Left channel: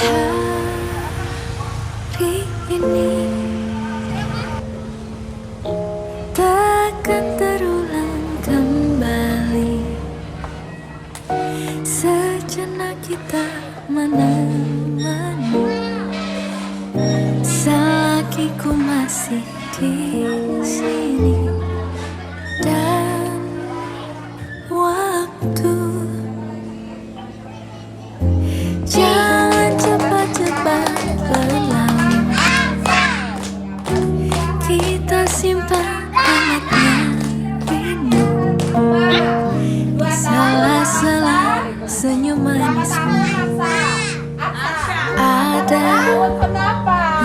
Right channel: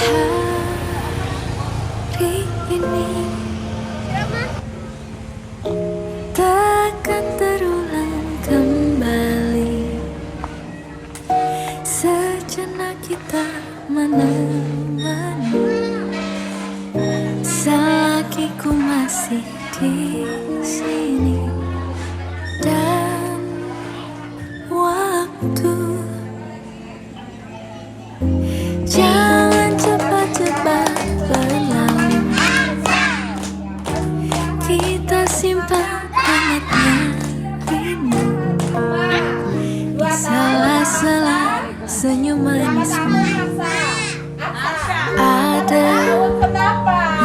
Hari ini takkan terulang kembali. Sejenak kita menemani, selagi ku masih di sini. Dan waktu jangan cepat-cepat berlalu. Kita simpan hangatnya rindu di sela-sela senyum manismu. Ada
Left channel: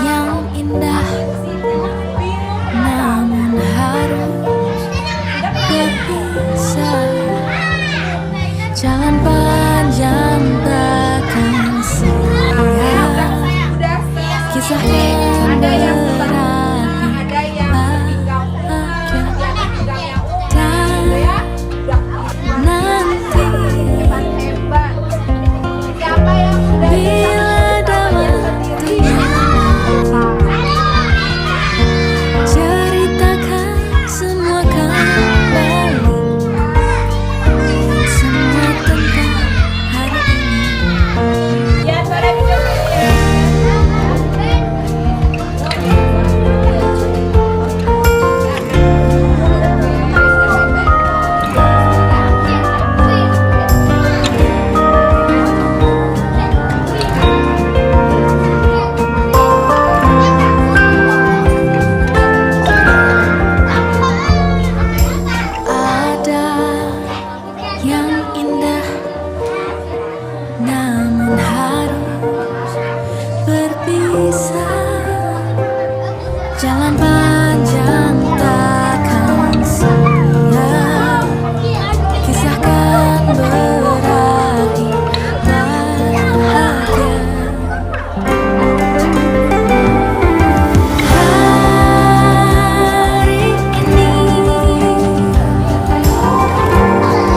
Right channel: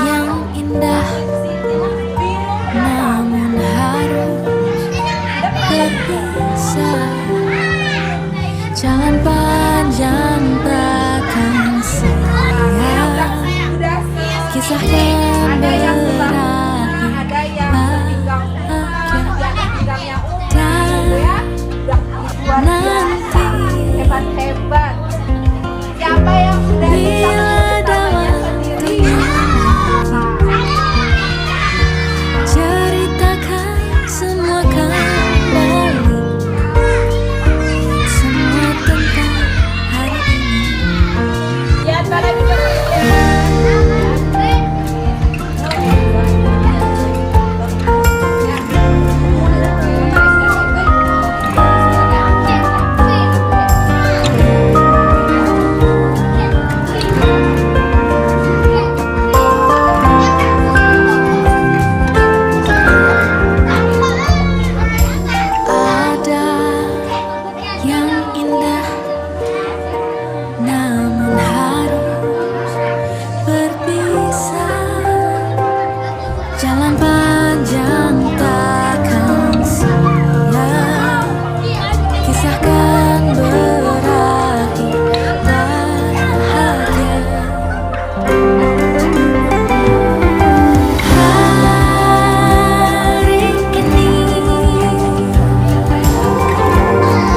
yang indah, namun harus berpisah. Jalan panjang takkan sia, kisahkan berakhir bahagia. Dan nanti bila ada waktunya lagi, ceritakan semua kembali, semua tentang hari ini. Ada yang indah, namun harus berpisah. Jalan panjang takkan sia, kisahkan berakhir bahagia. Hari ini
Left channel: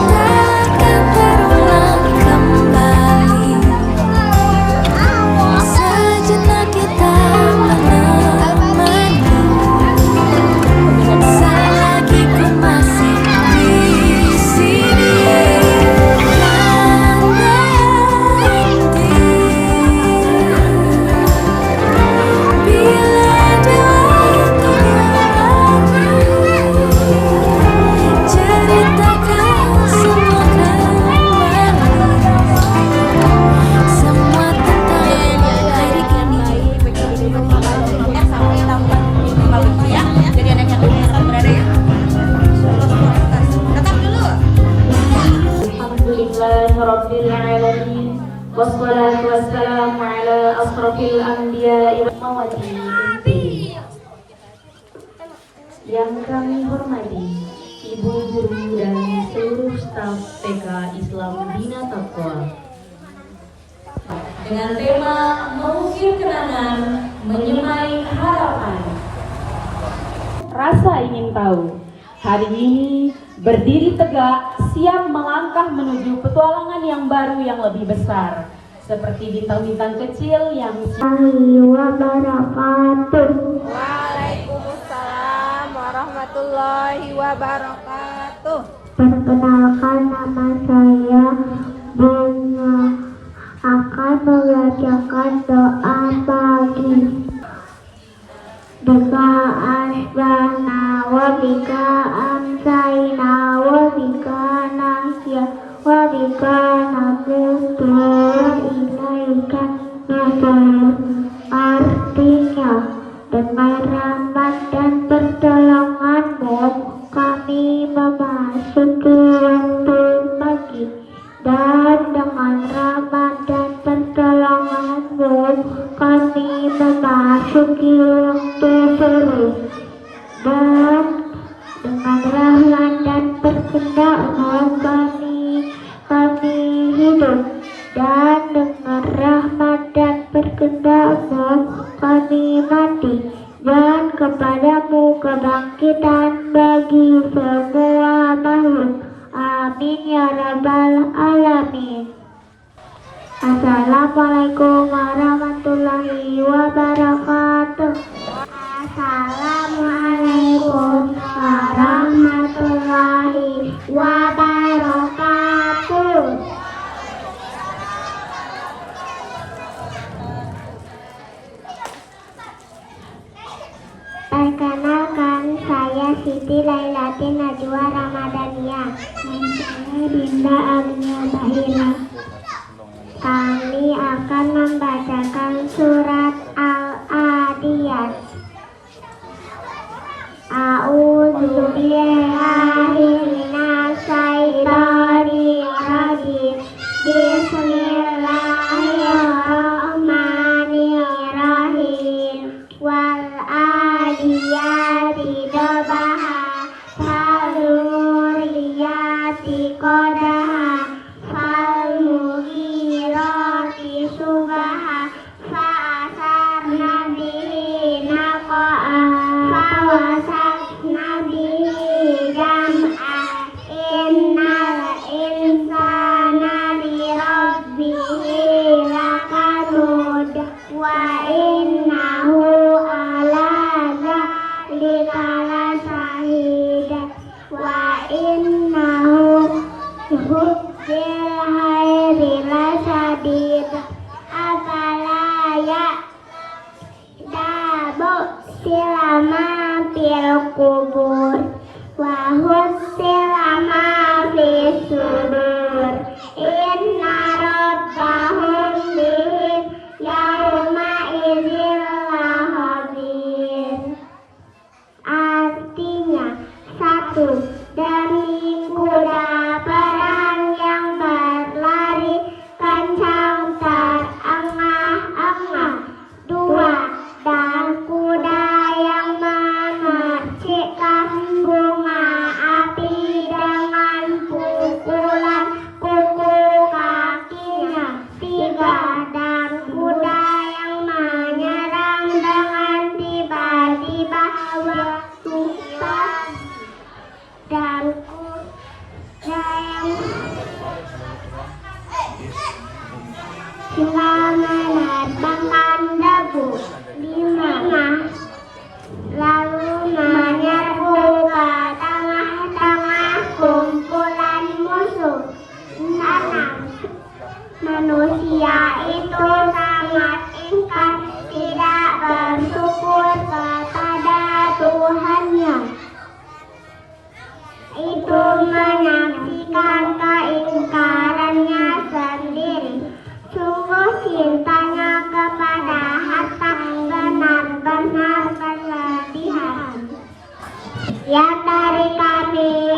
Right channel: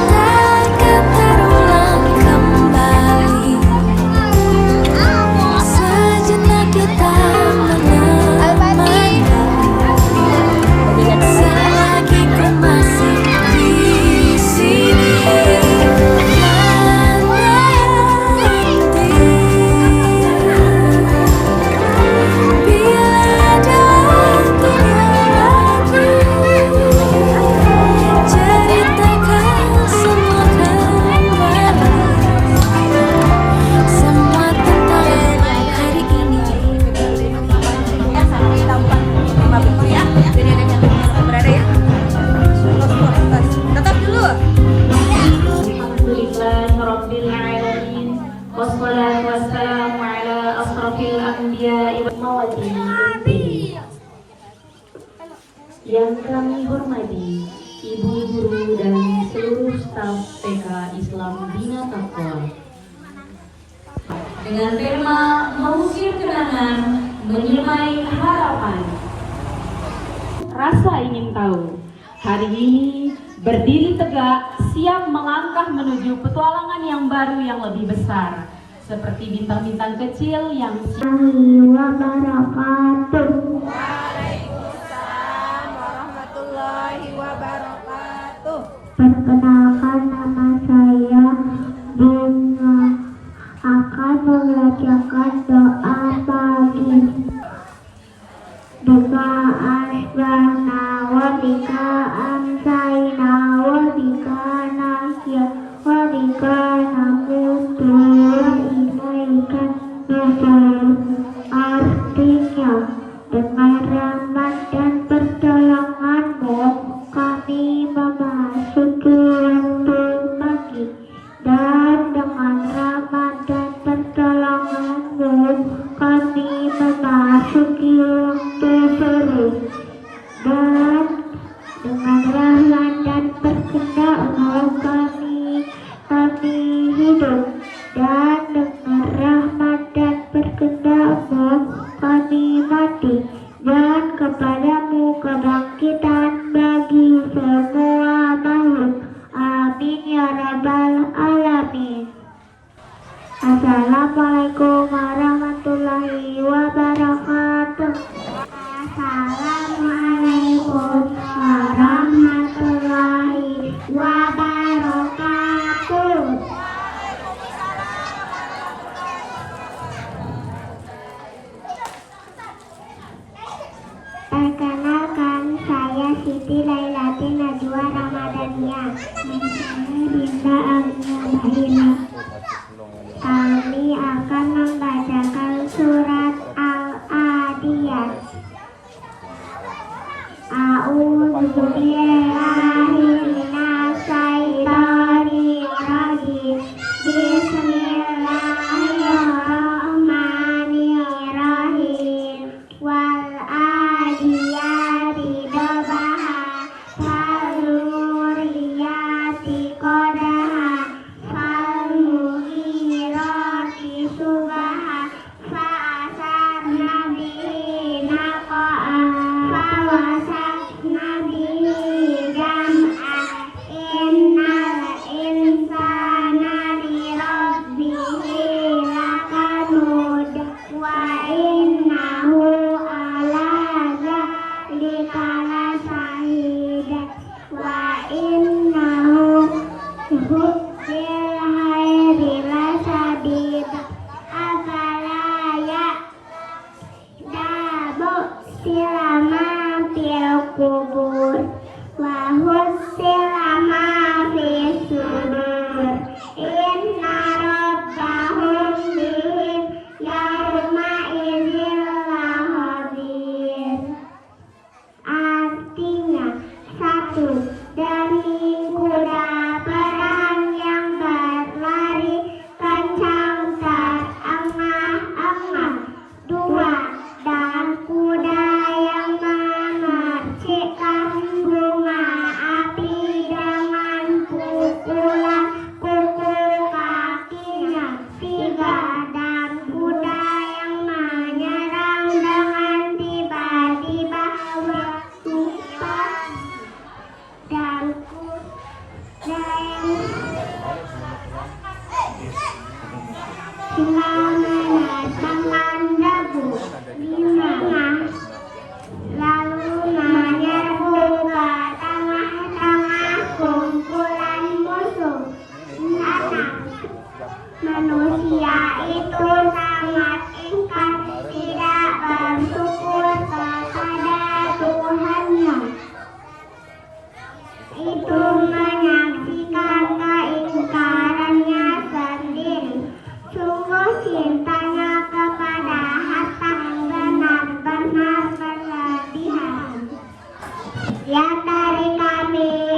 takkan terulang kembali. Sejenak kita menemani, selagi ku masih di sini. Dan nanti bila ada waktunya lagi, ceritakan semua kembali, semua tentang hari ini. Jadi anak yang berada ya. Tetap dulu. Alhamdulillahirrabbilalamin. Wassalatu wassalamu ala asrafil anbiya'i wal mursalin. Yang kami hormati Ibu Guru dan seluruh staf TK Islam Bina Taqwa, dengan tema mengukir kenangan, menyemai harapan. Rasa ingin tahu, hari ini berdiri tegak, siap melangkah menuju petualangan yang baru yang lebih besar, seperti bintang-bintang kecil yang wabarakatuh. Waalaikumsalam warahmatullahi wabarakatuh. Perkenalkan, nama saya Bunga, akan membacakan doa pagi. Bika asbana wa bika amsayna wa bika nahya wa bika namutu wa ilaika nusur. Artinya, dengan rahmat dan pertolonganmu kami memasuki waktu pagi, dan dengan rahmat dan pertolonganmu kami memasuki waktu sore. Dan dengan rahmat dan berkehendakmu kami hidup, dan dengan rahmat dan berkehendakmu kami mati, dan kepadamu kebangkitan bagi semua makhluk. Amin ya rabbal alamin. Assalamualaikum warahmatullahi Siti Lailatin Najwa Ramadhaniyah. Saya Dinda Agnia Bahina. Kami akan membacakan surat Al-Adiyat. A'udzu billahi minasy syaithanir rajim. Bismillahirrahmanirrahim. Wal adiyati dabaha, faluriyati qadaha, falmughirati subaha, fa'asarna bihi naqa'a, fawasatna bihi jam'a. Innal insana lirabbihi lakanud, wa innahu ala dzalika lasyahid, wa innahu bil khairi lasyadid. Afala ya'lamu silama fil kubur, wa silama fis sudur. Inna rabbahum bihim yauma idzin lahadir. Artinya, 1. Demi kuda perang yang berlari kencang terengah-engah. 2. Dan kuda yang memercikkan bunga api dengan pukulan kuku kakinya. 3. Dan kuda yang menyerang dengan tiba-tiba bertumpah. Dan kuda yang silang menerbangkan debu. 5. Lalu menyerbu ke tengah-tengah kumpulan musuh. 6. Manusia itu sangat ingkar, tidak bersyukur kepada Tuhannya. Itu menyaksikan keingkarannya sendiri. Sungguh cintanya kepada harta benar-benar berlebihan. Ya dari kami,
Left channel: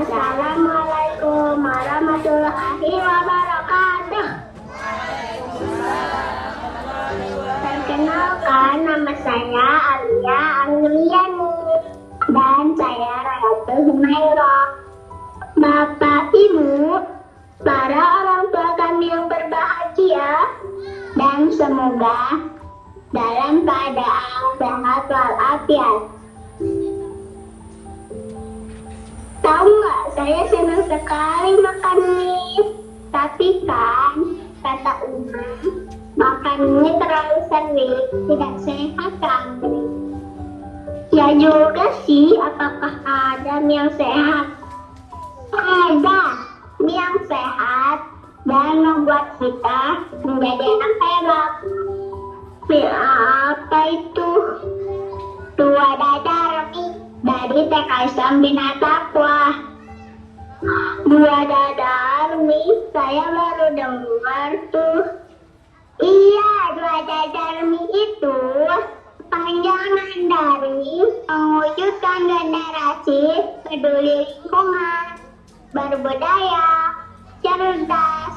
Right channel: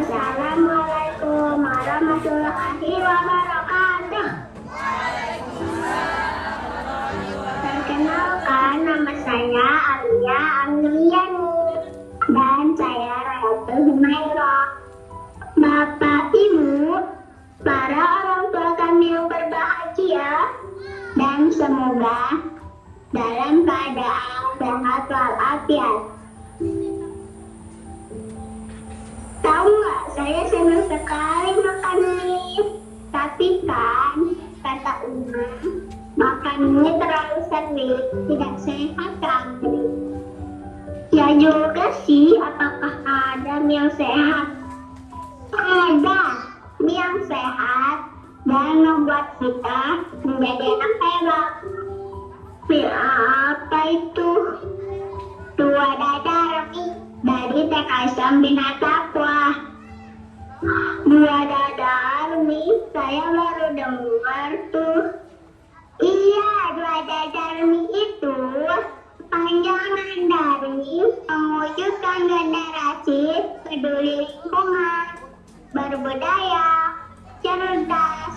assalamualaikum warahmatullahi wabarakatuh. Perkenalkan, nama saya Alia Angliani dan saya Ratu Humaira. Bapak Ibu, para orang tua kami yang berbahagia, dan semoga dalam keadaan sehat walafiat. Tahu nggak, saya senang sekali makan mie. Tapi kan, kata Uma, makan mie terlalu sering tidak sehat kan? Ya juga sih, apakah ada mie yang sehat? Ada, mie yang sehat dan membuat kita menjadi anak hebat. Mie apa itu? Dua dada TK Islam Bina Taqwa. Dua dadar nih, saya baru dengar tuh. Iya, dua dadar nih itu panjangan dari mewujudkan generasi peduli lingkungan, berbudaya, cerdas,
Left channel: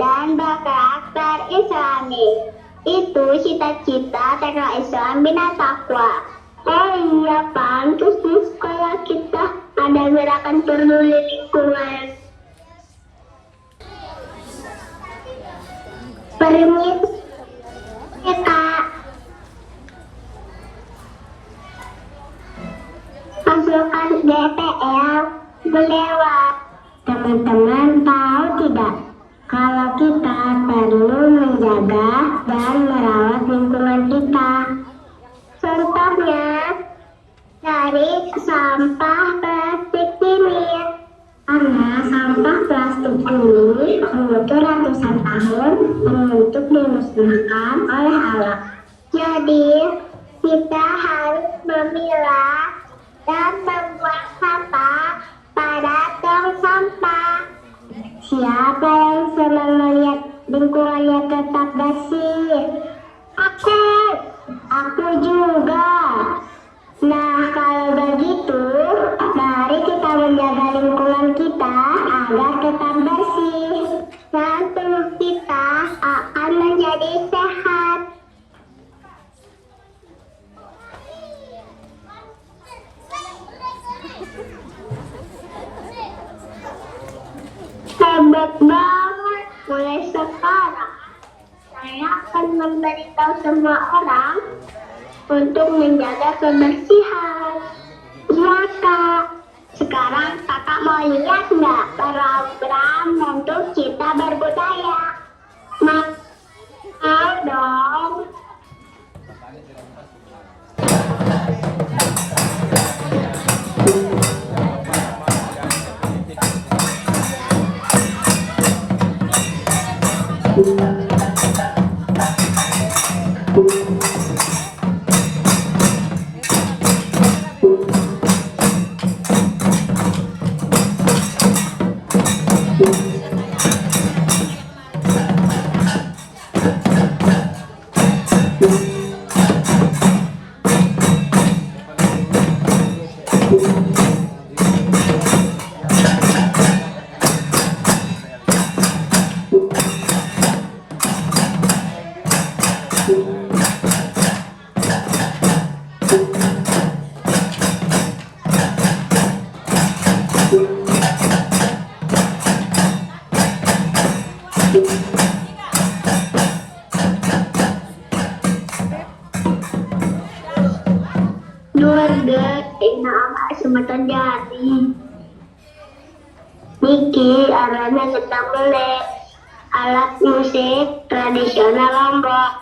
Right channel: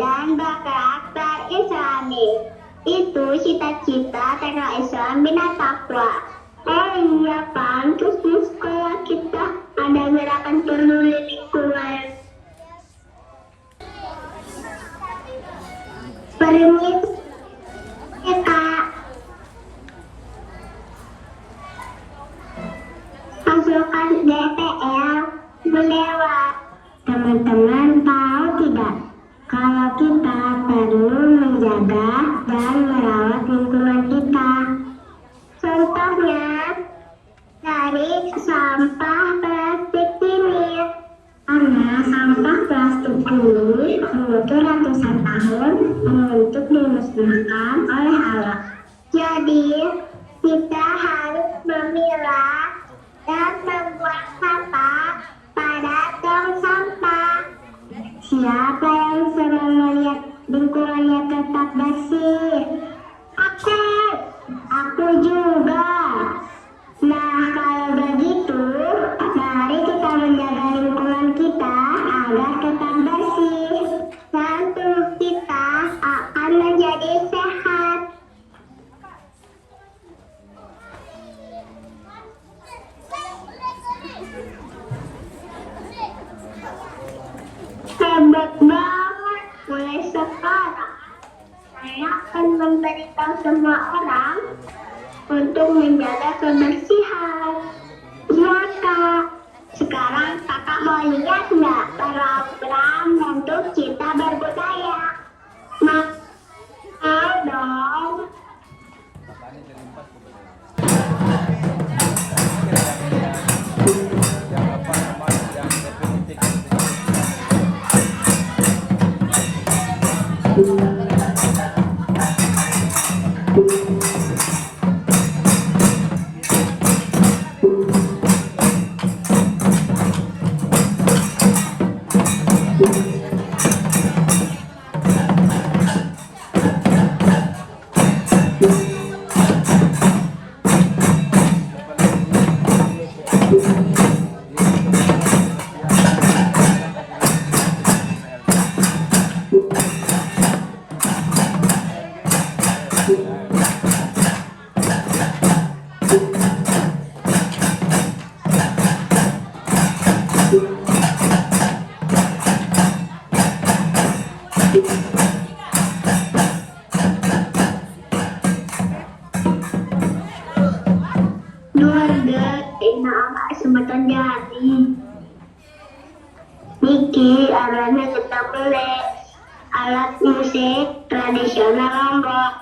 dan berkarakter Islami. Itu cita-cita TK Islam Bina Taqwa. Oh iya kan, terus di sekolah kita ada gerakan peduli lingkungan. Permisi ya Kak. Pasukan DPR berlewat. Teman-teman tahu tidak, kalau kita perlu menjaga dan merawat lingkungan kita. Contohnya dari sampah plastik ini. Karena sampah plastik ini butuh ratusan tahun untuk dimusnahkan oleh alam. Jadi kita harus memilah dan membuang sampah pada tong sampah. Siapa yang senang melihat lingkungannya tetap bersih? Aku juga. Nah, kalau begitu, mari kita menjaga lingkungan kita agar tetap bersih. Dan tubuh kita akan menjadi sehat. Hebat banget. Mulai sekarang, saya akan memberitahu semua orang untuk menjaga kebersihan. Iya Kak. Sekarang kakak mau lihat nggak program untuk kita berbudaya? Mau dong. Nama Sumatera Jati. Niki arahnya kita beli alat musik tradisional Lombok.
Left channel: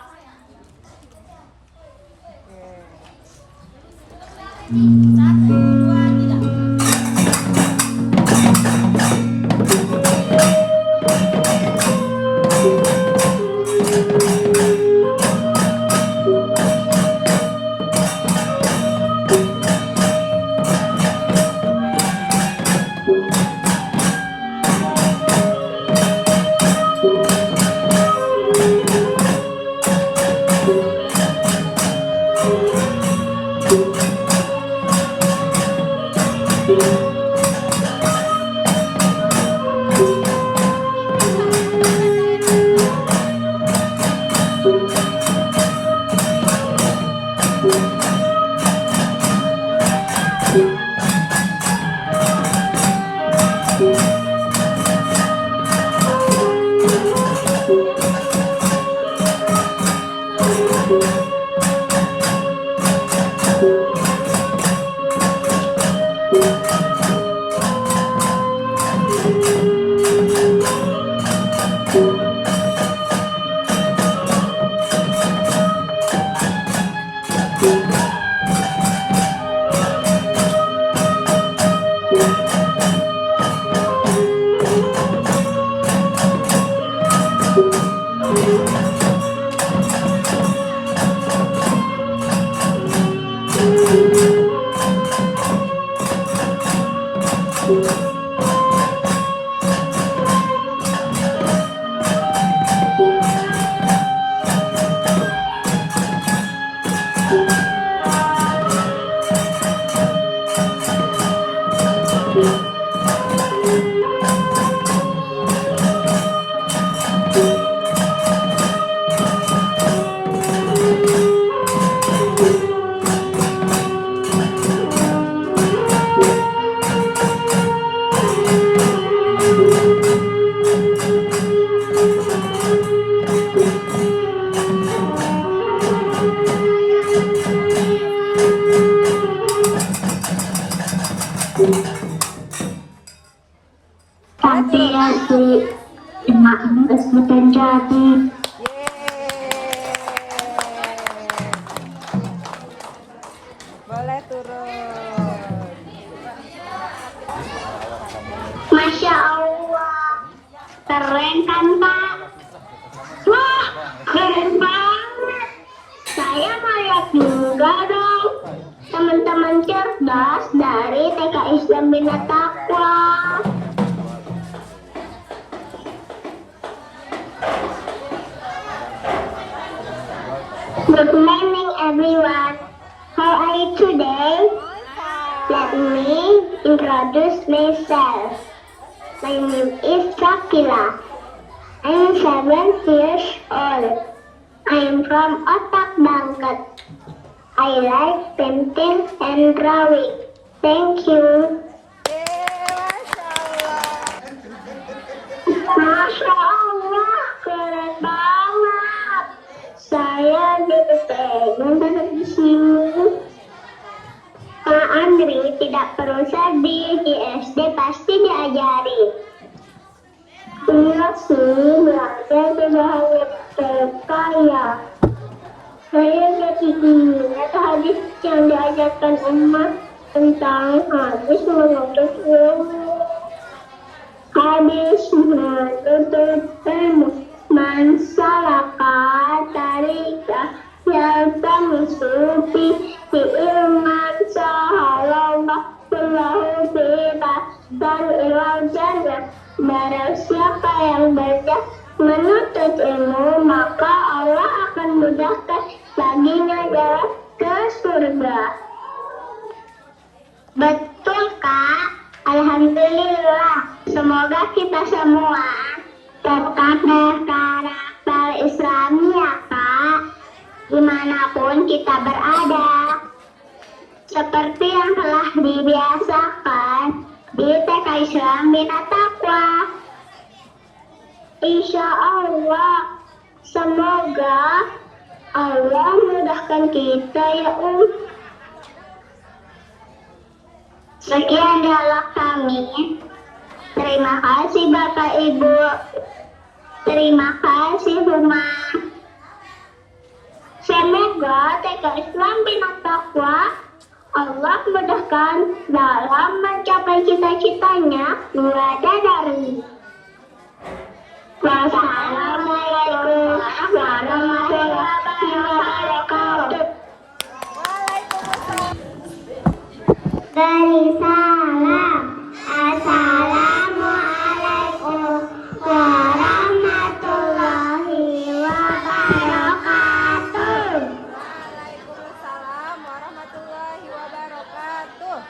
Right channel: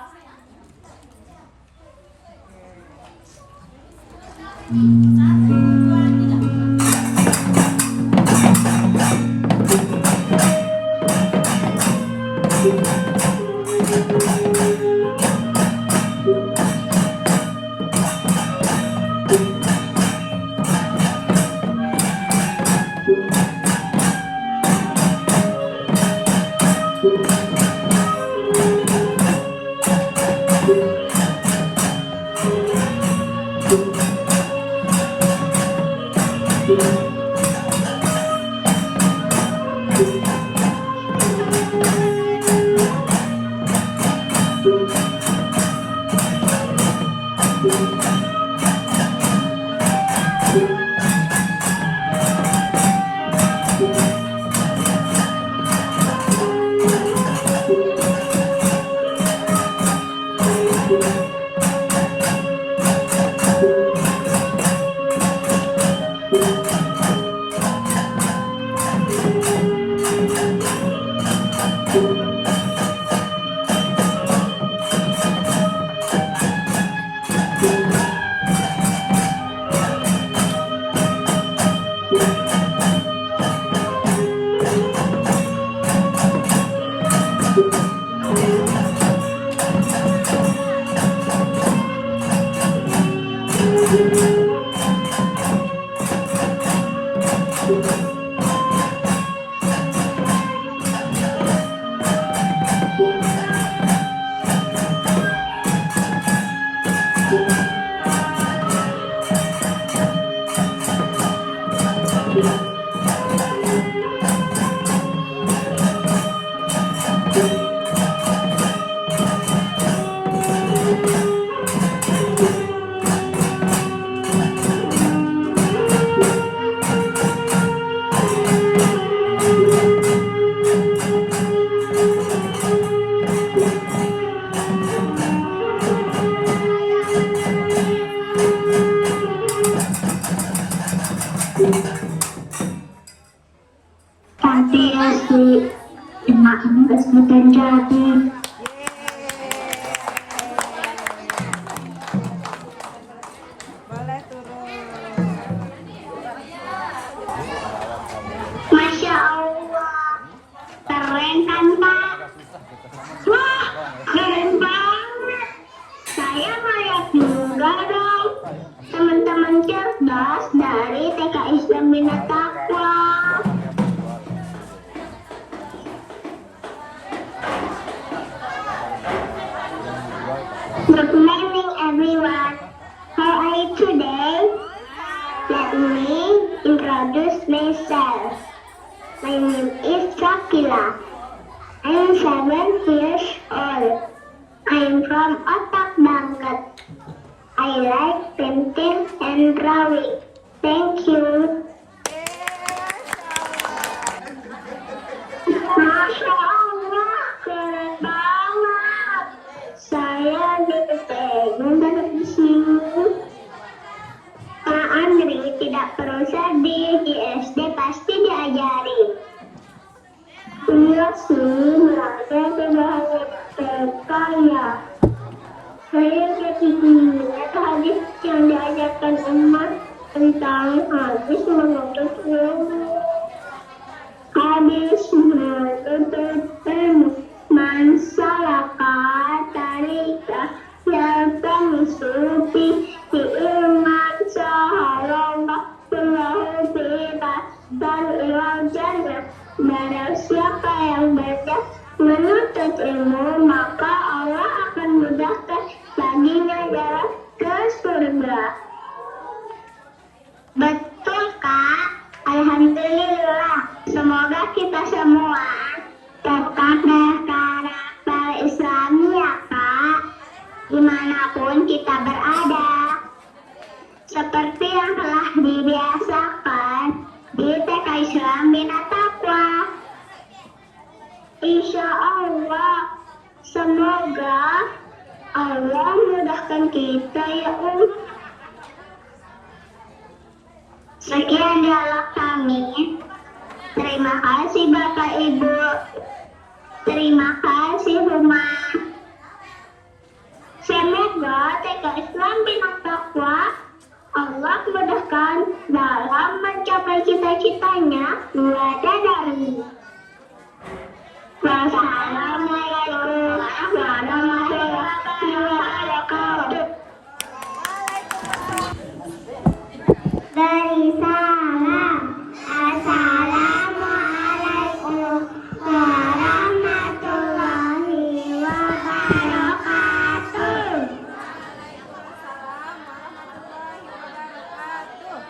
terus terjadi. Boleh turun. Masya Allah, keren kan Pak? Wah, keren banget. Saya kayak juga dong. Teman-teman cerdas dari TK Islam Bina Taqwa. Good morning everyone. How are you today? Let me introduce myself. My name is Shakila. I am 7 years old. I am from Otak Bangkat. I like painting and drawing. Thank you. Masya Allah, keren banget. Saya jadi pengen dari di sini. Pak Andri tidak perlu sedih, di SD pasti diajari. Iya sih, belajar tidak hanya TK ya. Saya jadi ingat hadis yang diajarkan umat tentang hadis menuntut ilmu. Hadis menuntut ilmu. Man salaka tarika yaltamisufi fi ilman sahalallah wallahu bi'ibad dan ilal jannah. Barang siapa yang banyak menuntut ilmu, maka Allah akan mudahkan baginya jalan ke surga. Betul Kak? Alhamdulillah. Semoga kita semua tetap berkarakter Islami ya Kak, dimanapun kita berada. Seperti yang telah dibiasakan di TK Islam Bina Taqwa. Insya Allah, semoga Allah mudahkan kita ya Sekian dialog kami. Terima kasih Bapak Ibu. Terima kasih Huma. Semoga TK Islam Bina Taqwa Allah mudahkan dalam mencapai cita-citanya mulai dari. Wassalamualaikum warahmatullahi wabarakatuh. Dari salam. Assalamualaikum warahmatullahi wabarakatuh. Waalaikumsalam warahmatullahi wabarakatuh.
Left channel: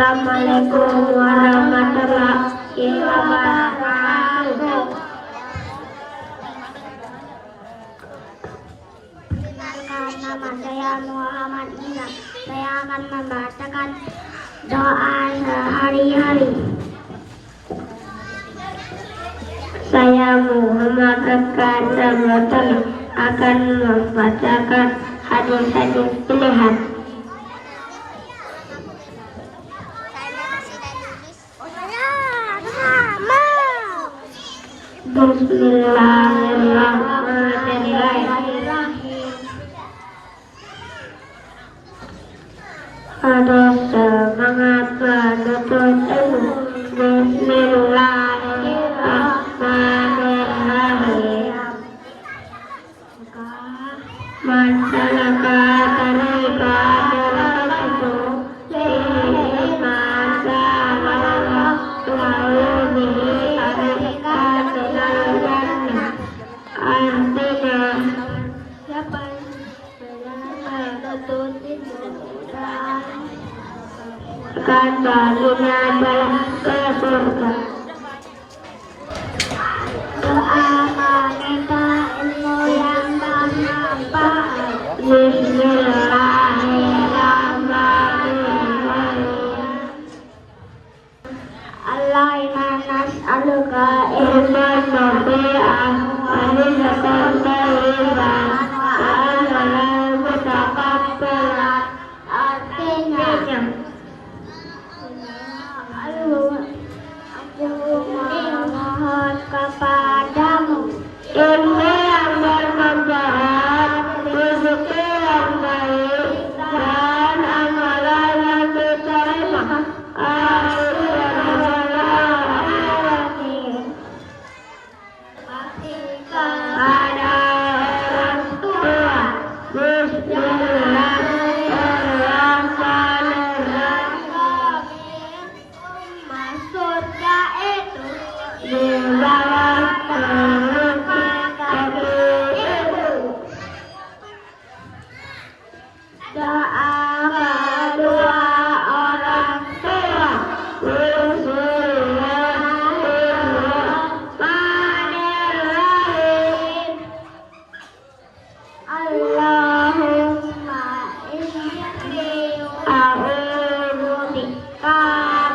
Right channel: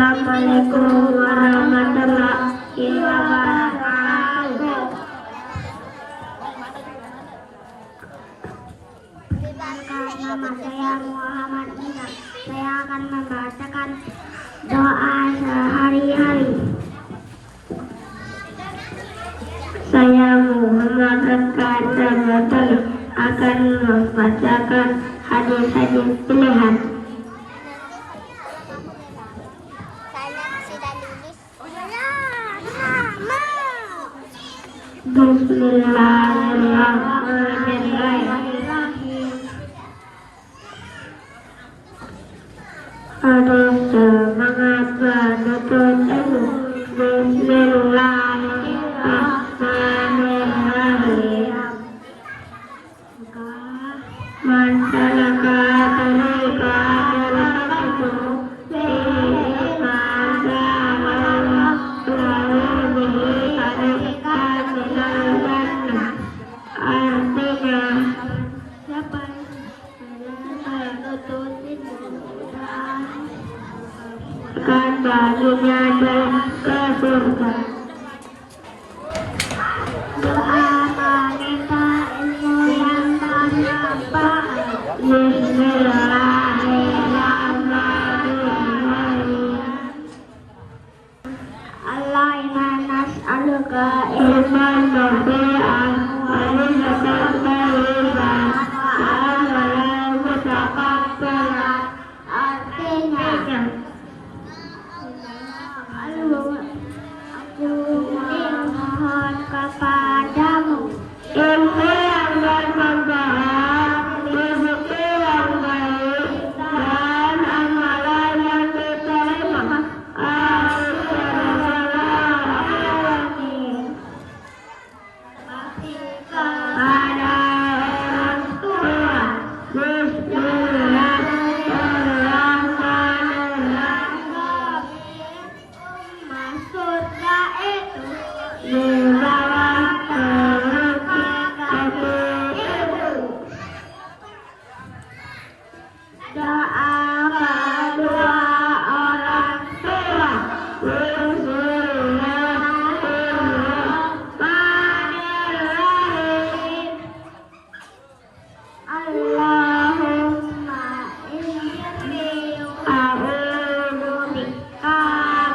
Assalamualaikum warahmatullahi wabarakatuh. Nama saya Muhammad Ina. Saya akan membacakan doa sehari-hari. Saya Muhammad Rekan akan membacakan hadis-hadis pilihan. Bismillahirrahmanirrahim. Harus semangat menuntut ilmu. Bismillahirrahmanirrahim. Masyarakat terlibat dalam itu ini masalah selalu dicarikan solusinya. Artinya siapa menuntut ilmu akan baginya jalan ke surga. Doa wanita ilmu yang bermanfaat. Bismillahirrahmanirrahim. Allahumma nas'aluka ilman nafi'an wa rizqan thayyiban wa amalan mutakabbalan. Artinya aku mohon kepadamu ilmu yang bermanfaat, rezeki yang baik, dan amalan yang diterima. Pada orang tua. Maksudnya itu mendapat kaki itu. Doa kedua orang tua. Bismillahirrahmanirrahim. Allahumma inni a'udzubika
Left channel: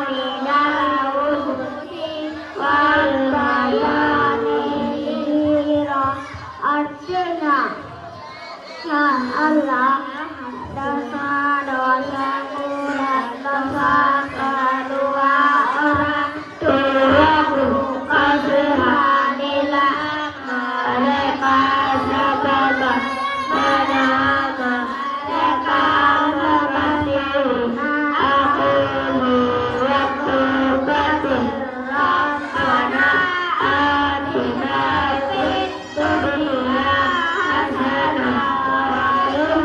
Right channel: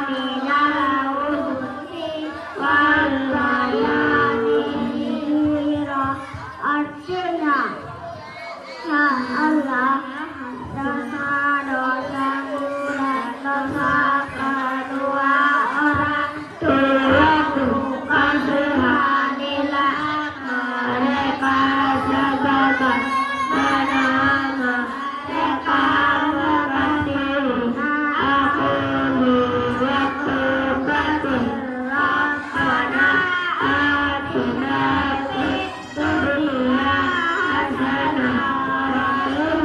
minal khubuthi wal khaba'ith. Artinya, ya Allah, dosa-dosaku dan dosa kedua orang tuaku, kasihanilah mereka sebagaimana mereka mengasihi aku. Waktu Rabbana atina fid dunya hasanah wa fil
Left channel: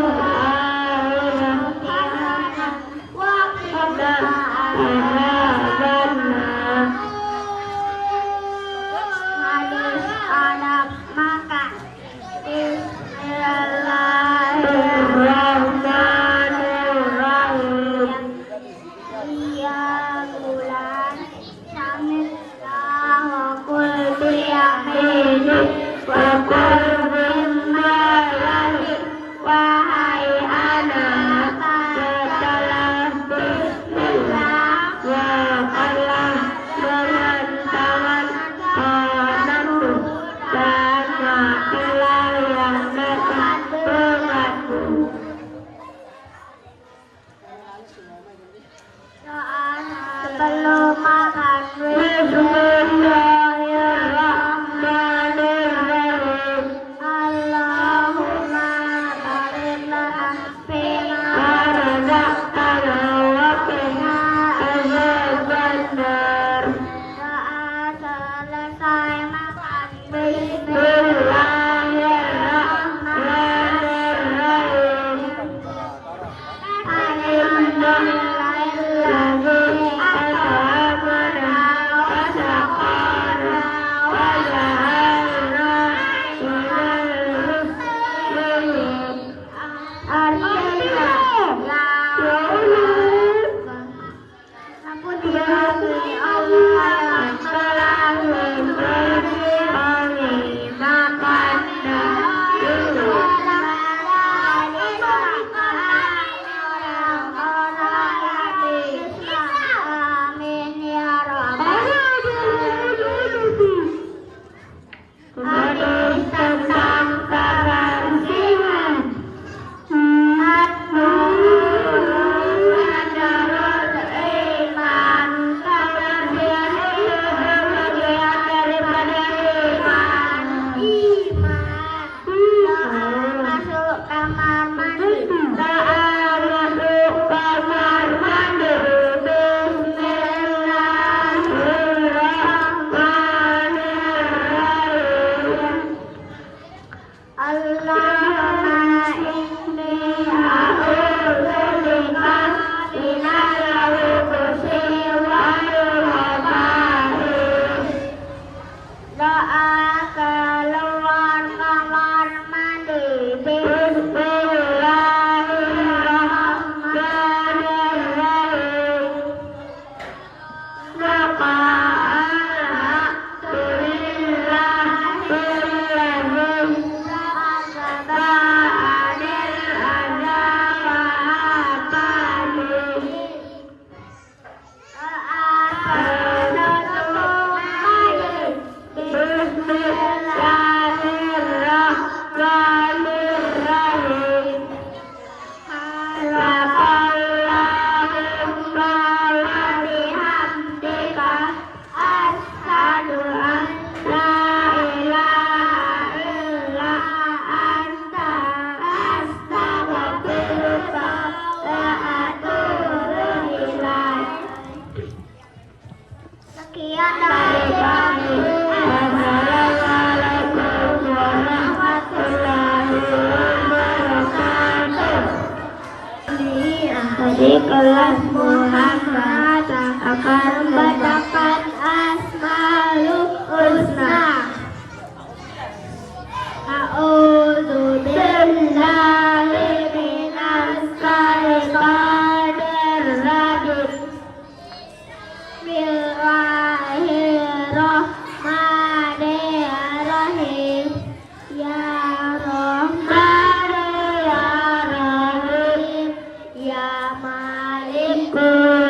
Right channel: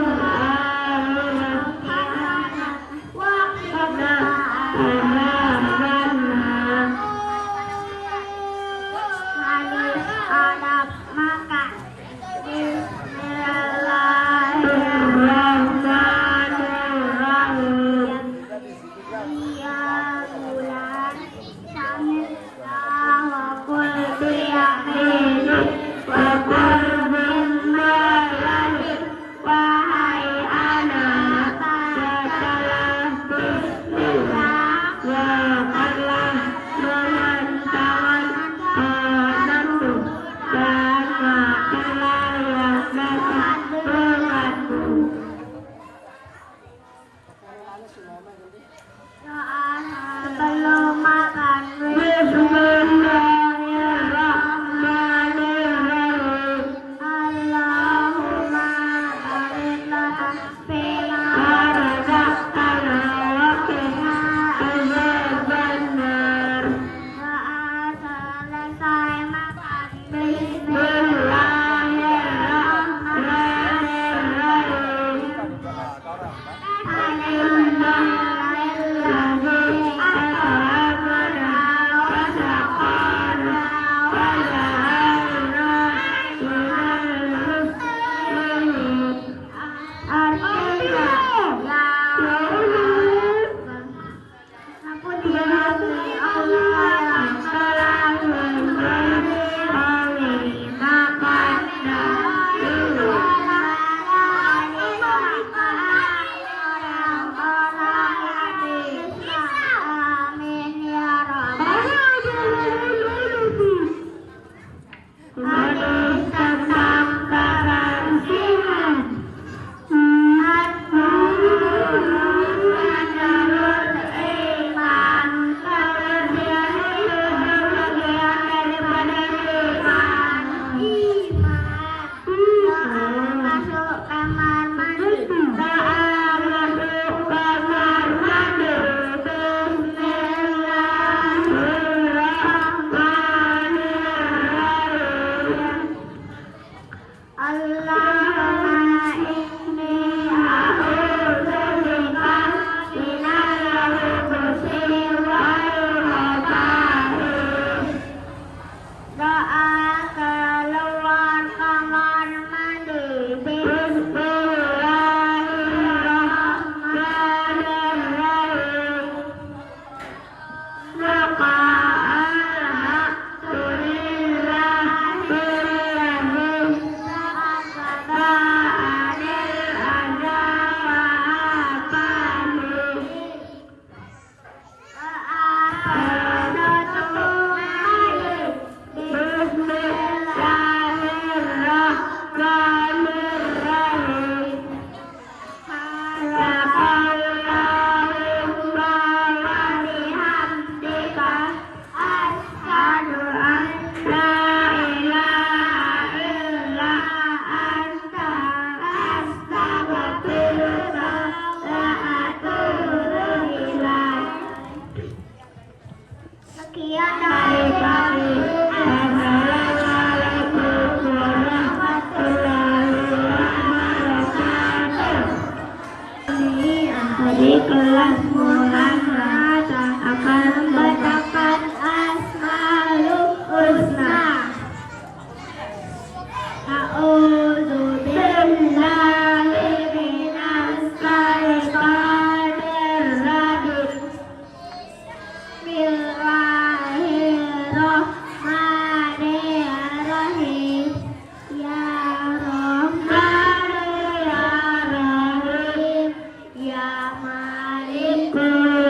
Sekian dari kami. Assalamualaikum warahmatullahi wabarakatuh. Di kelas Muhammad akan membacakan Asmaul Husna. A'udzu billahi minas syaitonir rajim. Bismillahirrahmanirrahim. Ya Rahman ya Rahim, ya Malik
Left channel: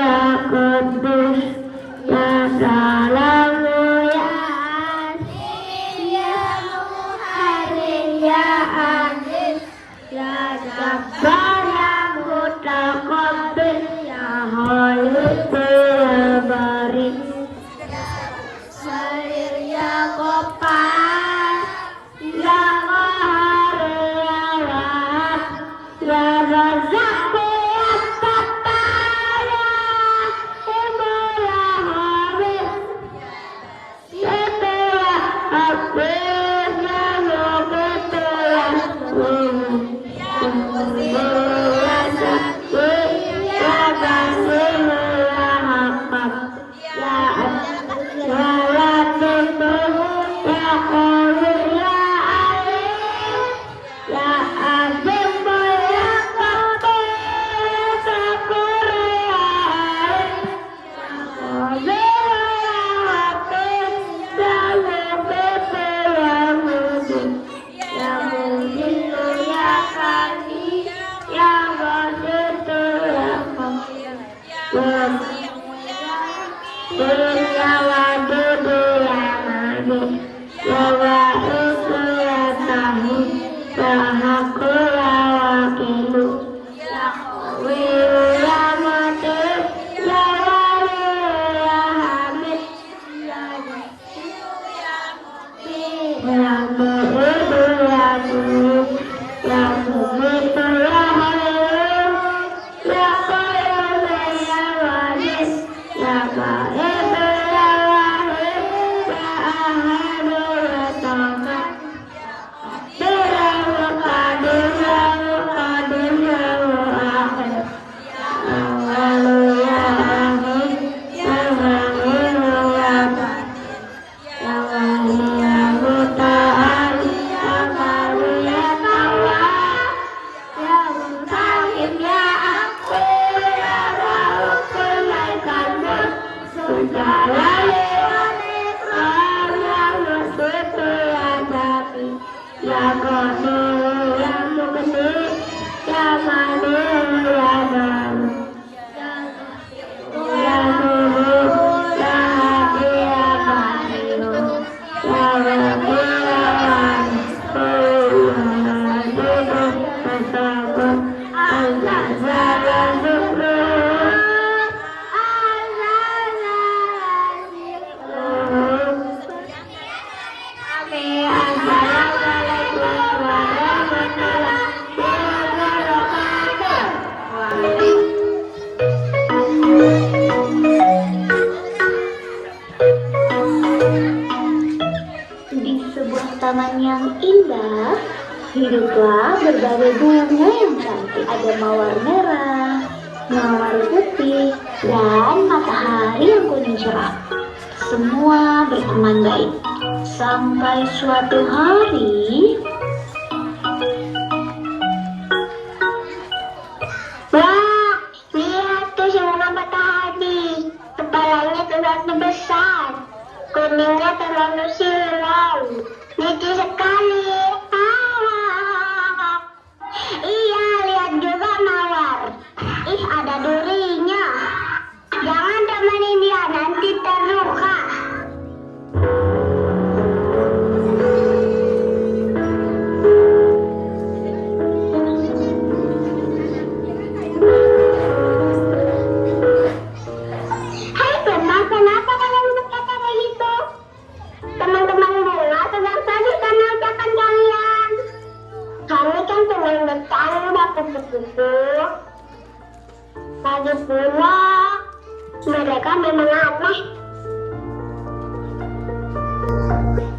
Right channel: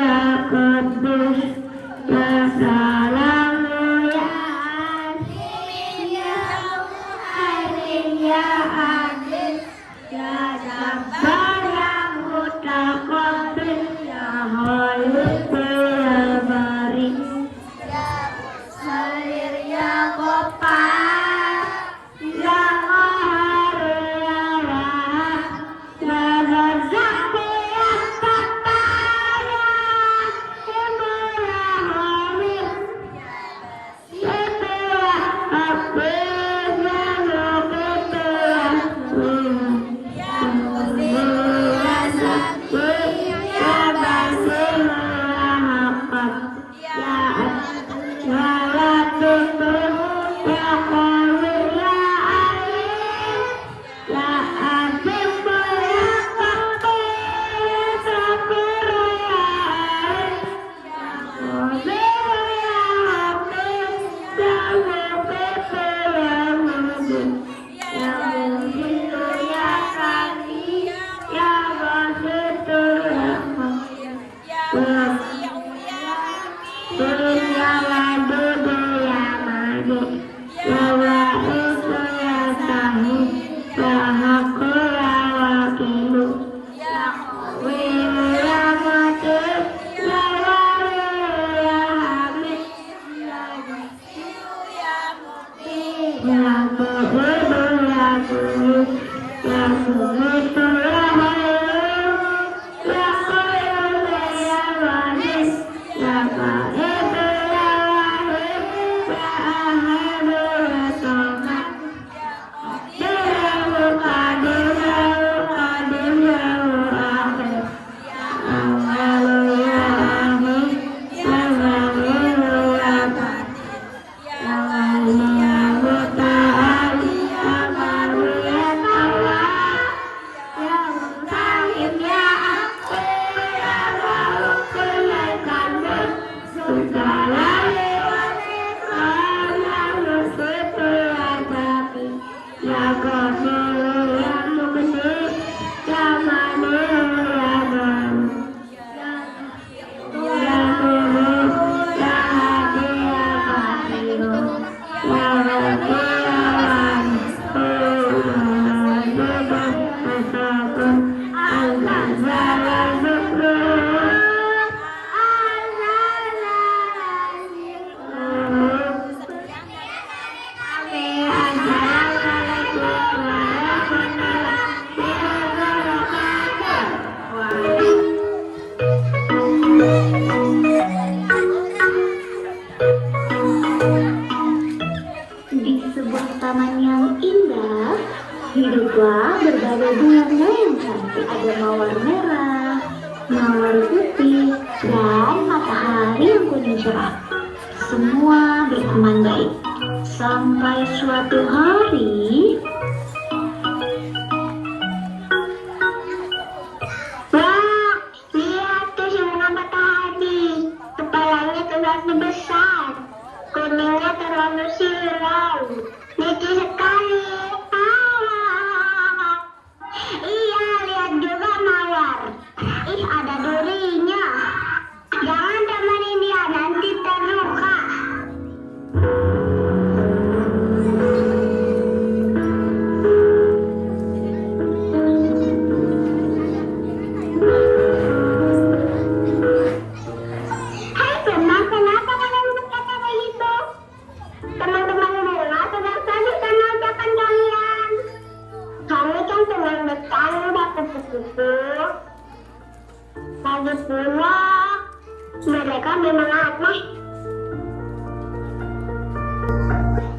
ya Qudus, ya Salamu ya Aziz, ya Muhaimin ya Aziz, ya Jabbar ya Mutaqabbil, ya Khaliq ya Bari, Salir ya Ghaffar, ya Qahhar ya Wahhab, ya Razzaq ya Fattar, ya Ibu ya Hamid, ya Hafiz ya Muqit ya ya Basir ya Hakam, ya Latif ya Qadir ya Alim, ya Aziz ya Qadir ya Shakur ya Alim, ya Qadir ya Hafiz ya Latif ya Mujib, ya Mujib ya Kani ya Basit ya Mu'min, ya Wasi'u ya Hamid, ya Wadud ya Majid, ya Wa'isu ya Sahih, ya Haqqu ya Wakilu, ya Qawiyu ya Mutin, ya Waliyu ya Hamid, ya Wasi'u ya Mu'min, ya Mu'idu ya Tuyub, ya Mu'idu ya Hayyum, ya Qayyum ya Waris, ya Qahhar ya Wahid, ya Ahad ya Samad, ya Qadir ya Muqaddim ya Muqaddim ya Muakhir, ya Awwal ya Akhir, ya Zahir ya Batin, ya Wali ya Muta'ali, ya Baru ya Tawwab, ya Hiduplah berbagai bunga yang cantik. Ada mawar merah, mawar putih, dan matahari yang kuning cerah. Semua berteman baik. Sampai suatu hari, wah, lihat tuh semua matahari. Kepalanya terlalu besar, kuningnya terlalu silau. Lucu sekali. Ah, iya, lihat juga mawar. Ih, ada durinya. Jangan temenin dia, nanti terluka. Hai teman, kenapa kalian berkata begitu? Teman-teman bunga sedang sakit karena ucapan kalian. Kami kan teman bercanda kupu-kupu. Lagi pula, mereka memang aneh.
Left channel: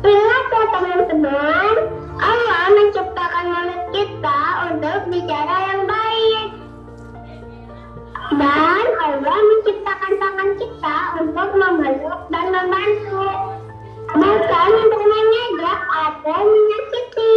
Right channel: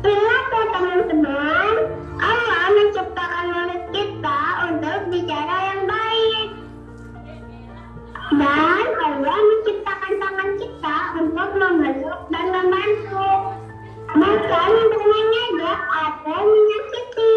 Ingat ya teman-teman, Allah menciptakan mulut kita untuk bicara yang baik. Dan Allah menciptakan tangan kita untuk memeluk dan membantu, bukan untuk menyadap atau menyakiti.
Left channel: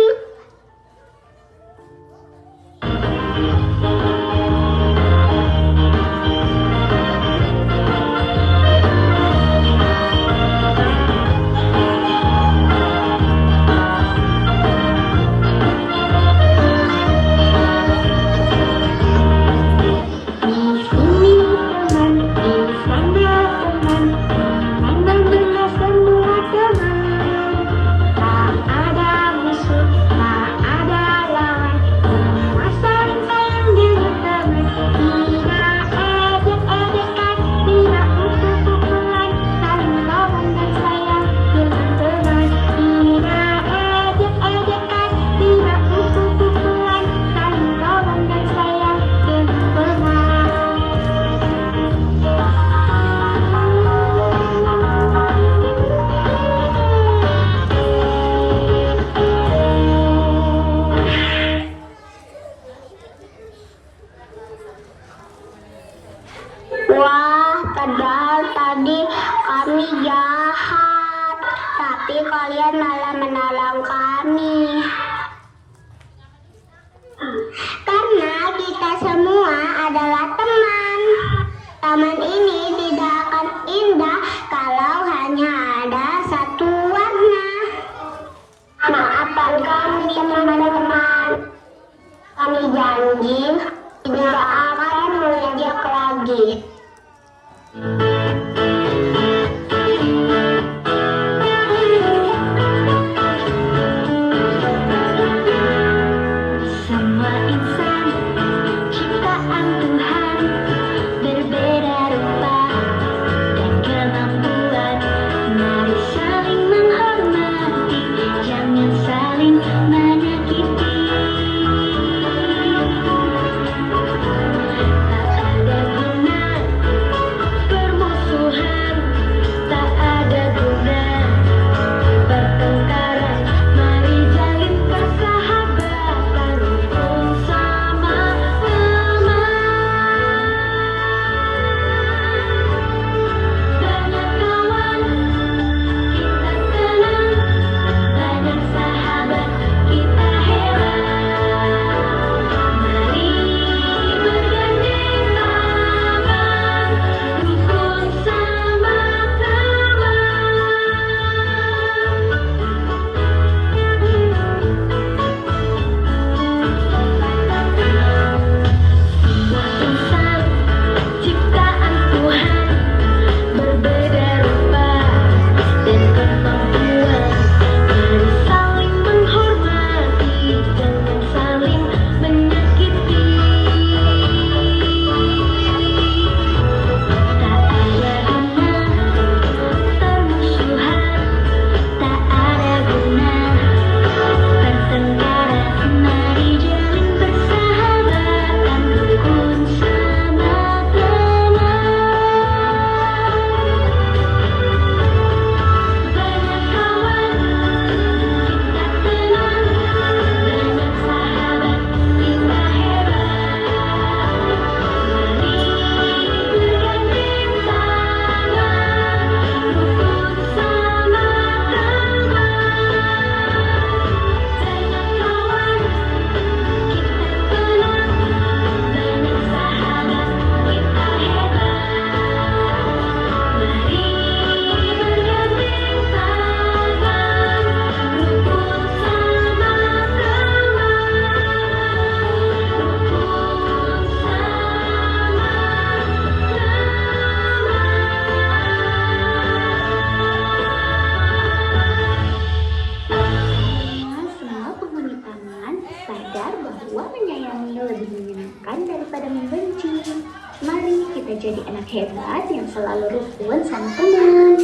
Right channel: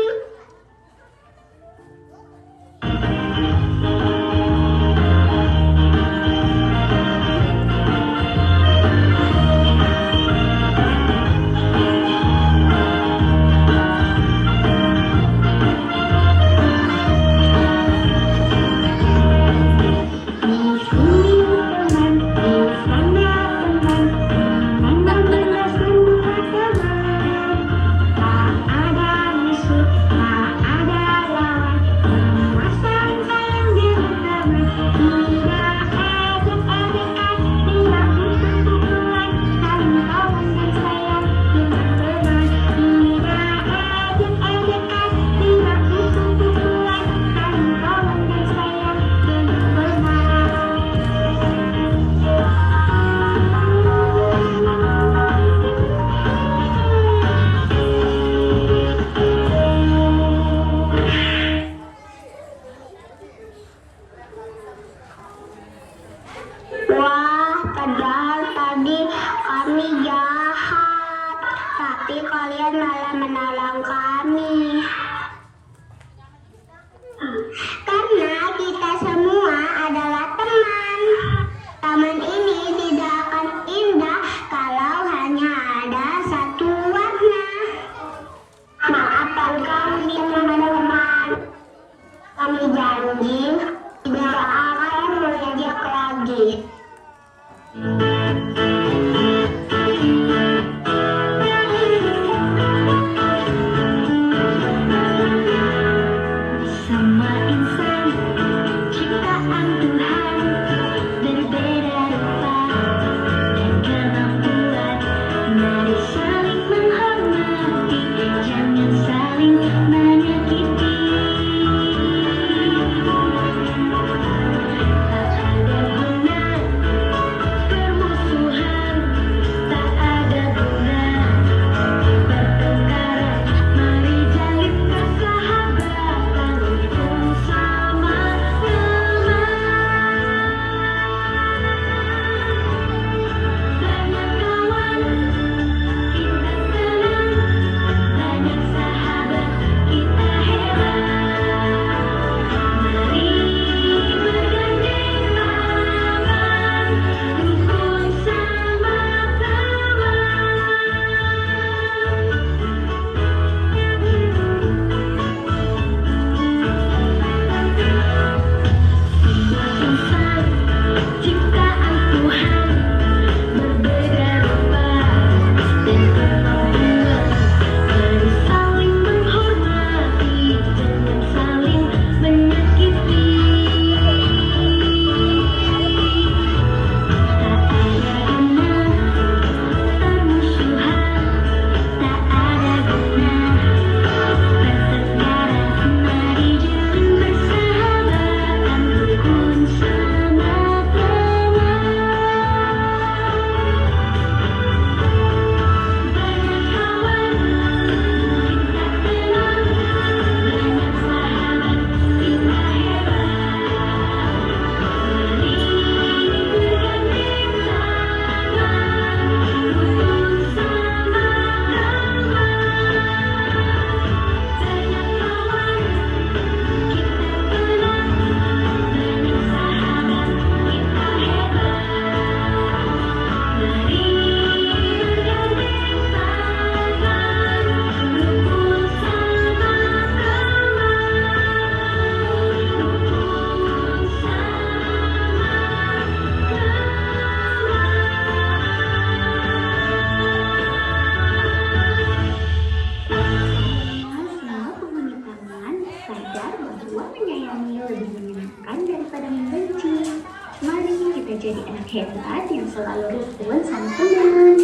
sadar bahwa menyayangi lebih menyenangkan daripada membenci. Mari kita jadi anak hebat yang selalu rukun sama teman.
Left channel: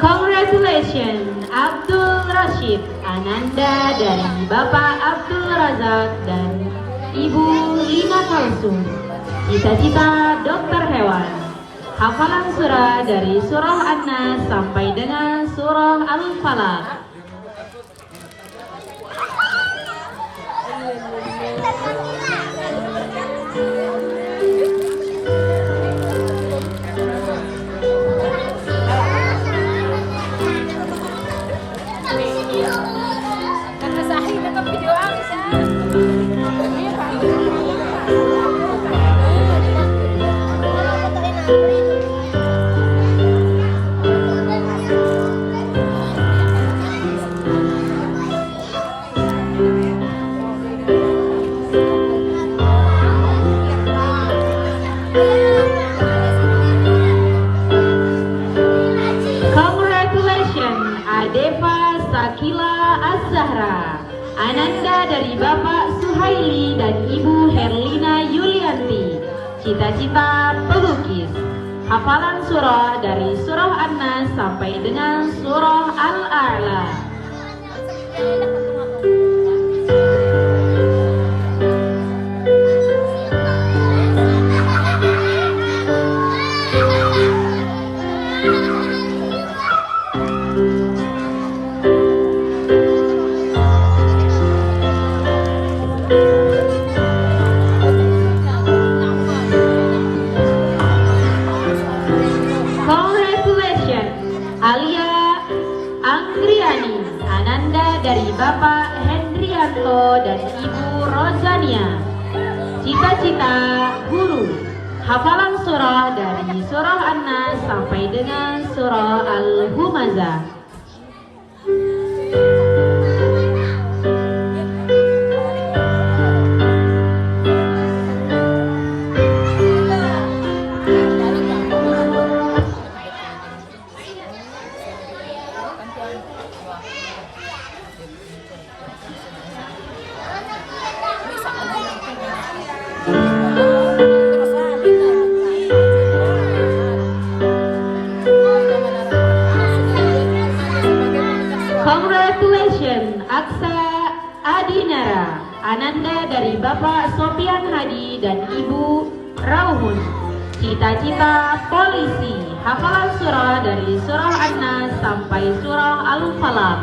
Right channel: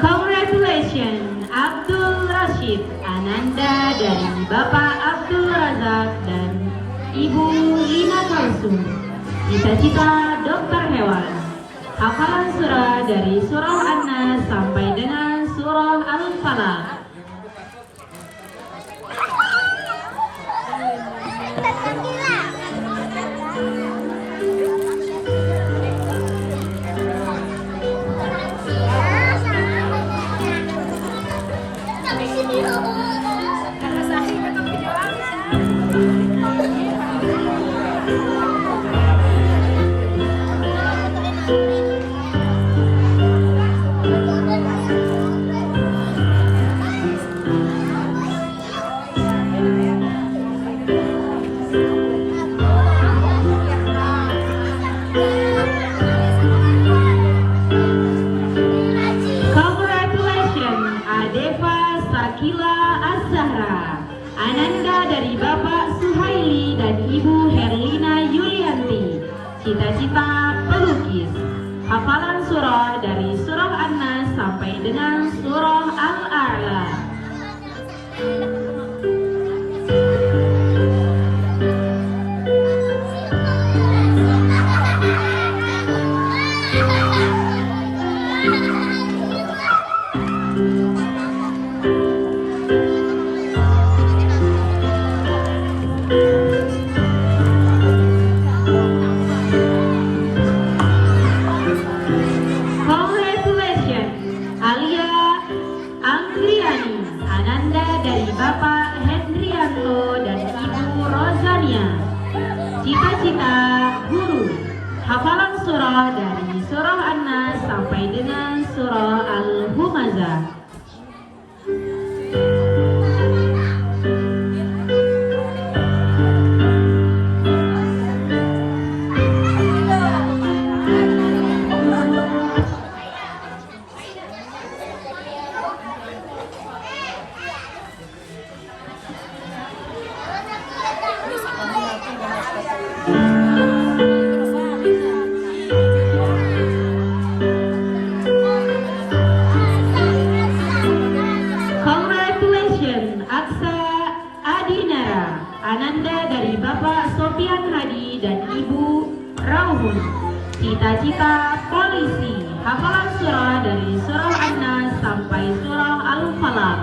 Congratulations Abdul Rashid Ananda dari Bapak Abdul Razak dan Ibu Lina Kalsum. Cita-cita dokter hewan. Hafalan surah dari surah An-Nas sampai dengan surah Al-Falaq. Congratulations Adeva Sakila Az-Zahra Ananda dari Bapak Suhaili dan Ibu Herlina Yulianti. Cita-cita pelukis. Hafalan surah dari surah An-Nas sampai dengan surah Al-A'la. Congratulations Alia Anggriani Ananda dari Bapak Hendrianto dan Ibu Rozania. Cita-cita guru. Hafalan surah dari surah An-Nas sampai dengan surah Al-Humazah. Congratulations Aksa Adinara Ananda dari Bapak Sofian Hadi dan Ibu Rauhun. Cita-cita polisi. Hafalan surah dari surah An-Nas sampai surah Al-Falaq.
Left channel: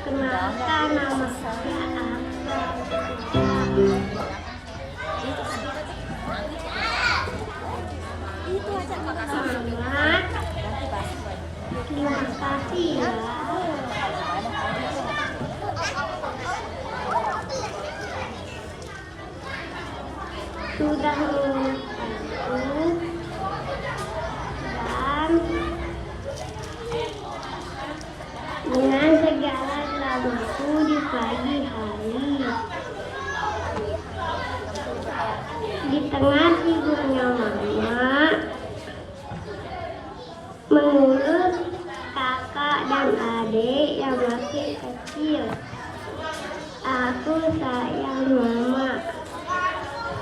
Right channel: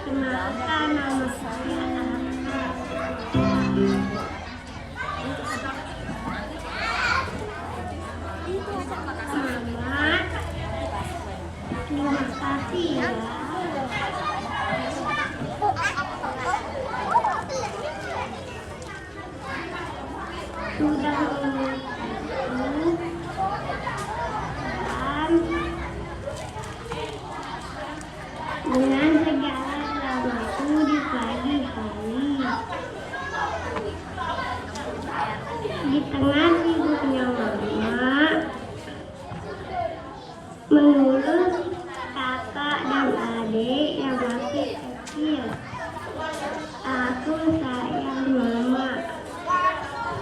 Kenalkan nama saya Selamat. Terima kasih ya. Sudah lulus dan dengan segala laguku di pagi hari, di tengah tidurnya mama, mengurus kakak dan adik yang masih kecil. Aku sayang mama.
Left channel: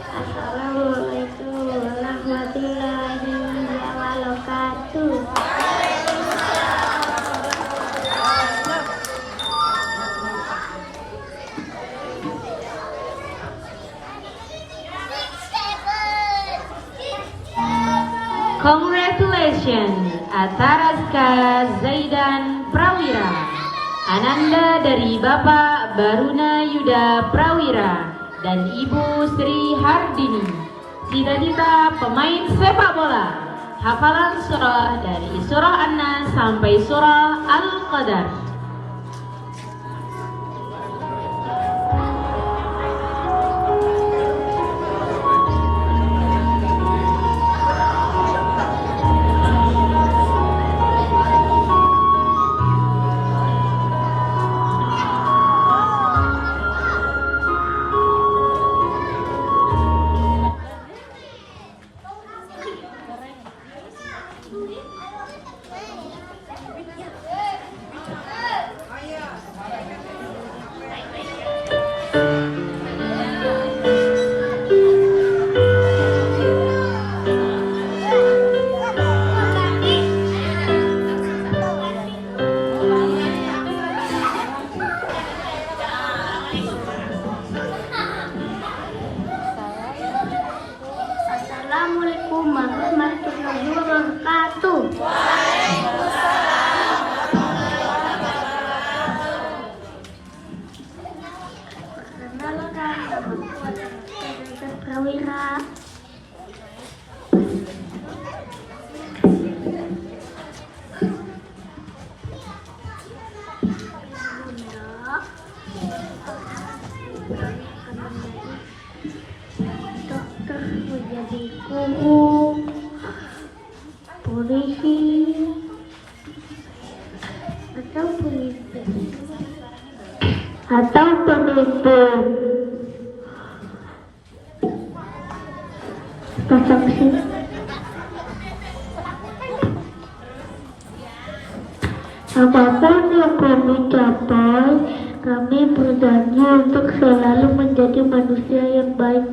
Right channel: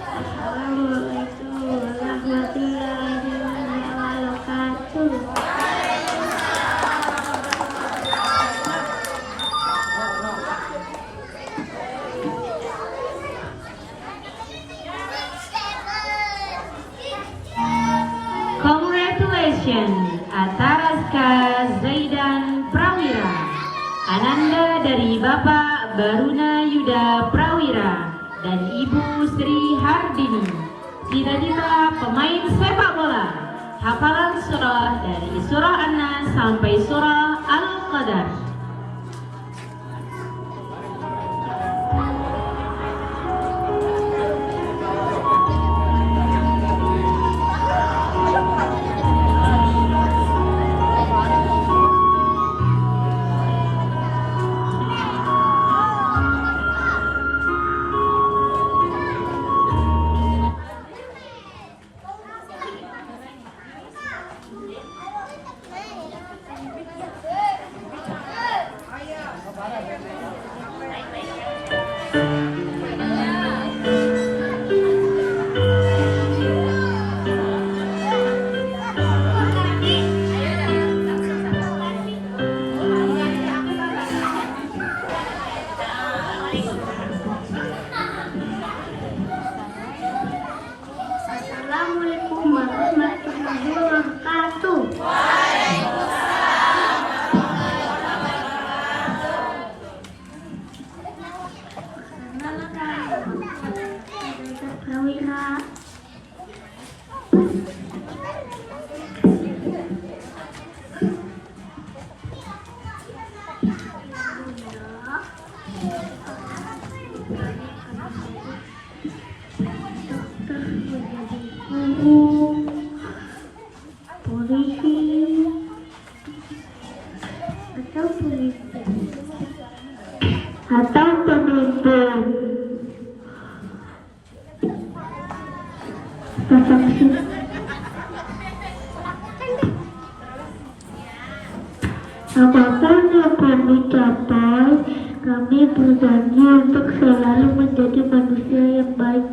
Assalamualaikum warahmatullahi wabarakatuh. Ananda dari Bapak Baruna Yuda Prawira dan Ibu Sri Hardini. Cita-cita pemain sepak bola. Hafalan surah dari surah An-Nas sampai surah Al-Qadar. Assalamualaikum warahmatullahi wabarakatuh. Prawira. Dokter menjadi guru, polisi, atau pemimpin. Saksi. Apapun yang kami capai, kami berjanji untuk selalu menjadi manusia yang baik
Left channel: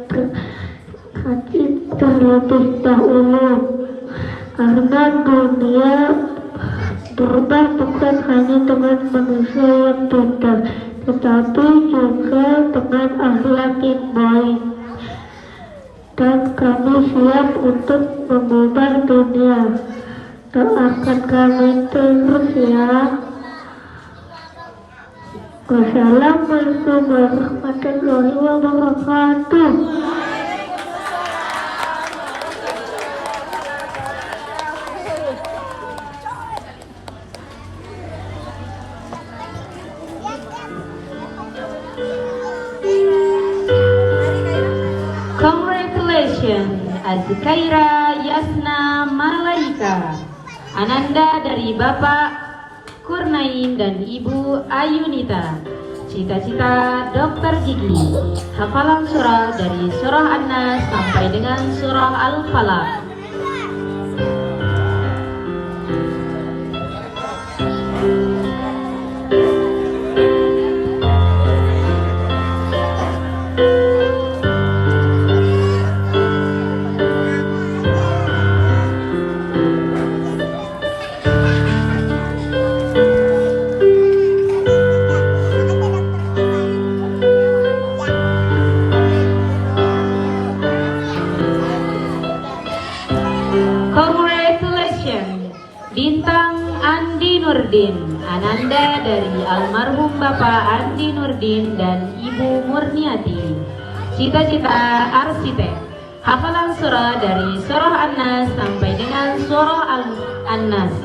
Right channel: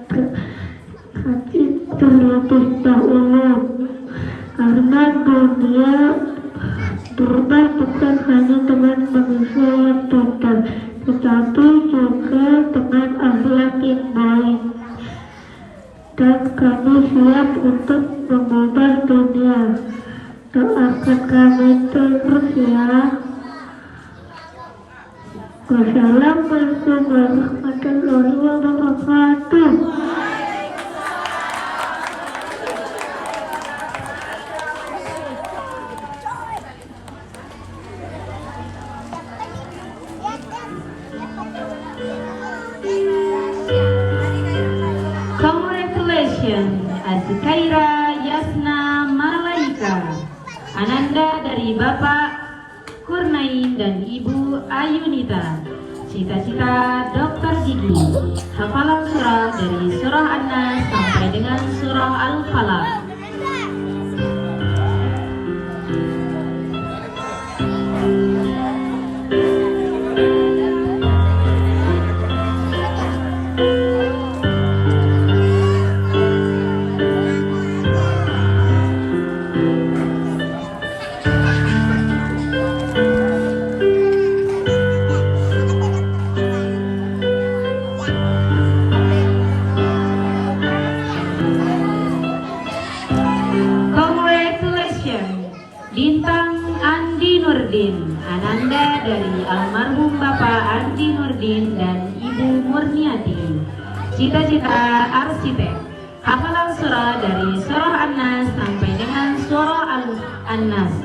hati terlebih dahulu. Karena dunia berubah bukan hanya dengan manusia yang pintar, tetapi juga dengan akhlak yang baik. Dan kami siap untuk mengubah dunia. Doakan kami terus ya. Wassalamualaikum warahmatullahi wabarakatuh. Congratulations, Azkaira Yasna Malaika. Ananda dari Bapak Kurnain dan Ibu Ayunita. Cita-cita dokter gigi. Hafalan surah dari surah An-Nas sampai dengan surah Al-Falaq. Bintang Andi Nurdin, Ananda dari almarhum Bapak Andi Nurdin dan Ibu Murniati. Cita-cita arsitek. Hafalan surah dari surah An-Nas sampai dengan surah An-Nas.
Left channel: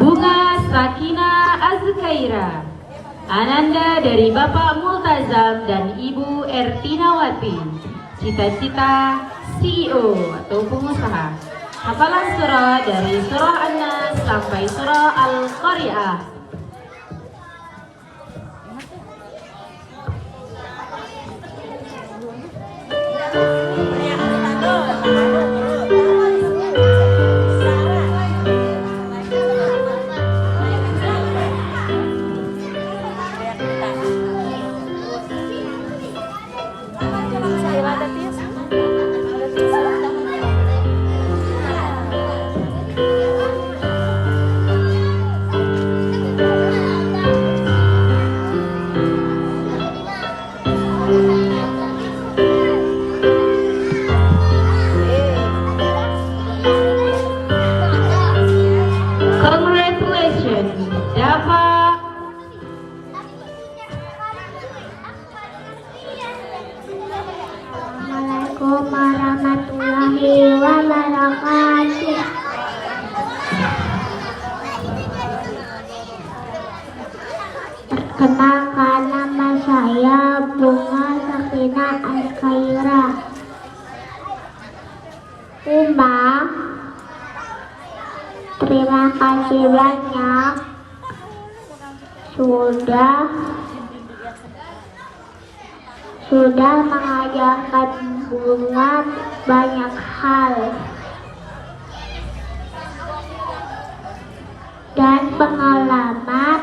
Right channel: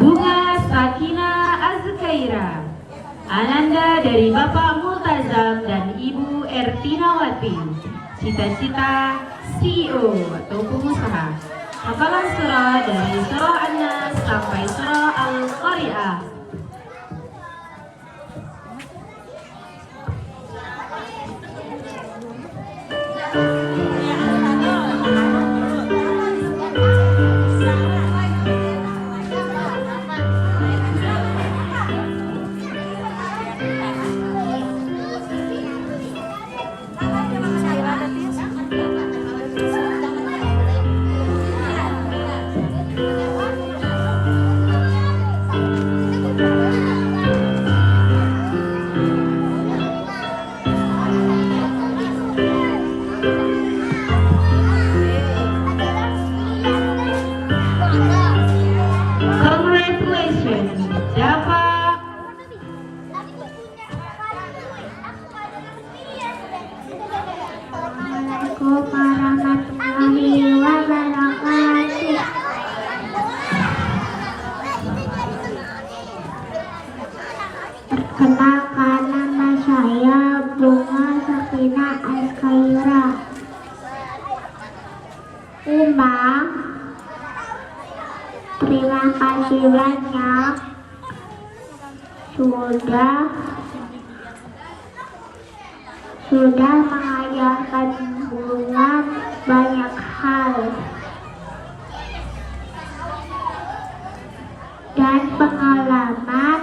Bunga Sakina Azkaira, Ananda dari Bapak Multazam dan Ibu Ertinawati. Cita-cita CEO atau pengusaha. Hafalan surah dari surah An-Nas sampai surah Al-Qari'ah. pertama, terima kasih banyak sudah mengajarkan Bunga banyak hal dan pengalaman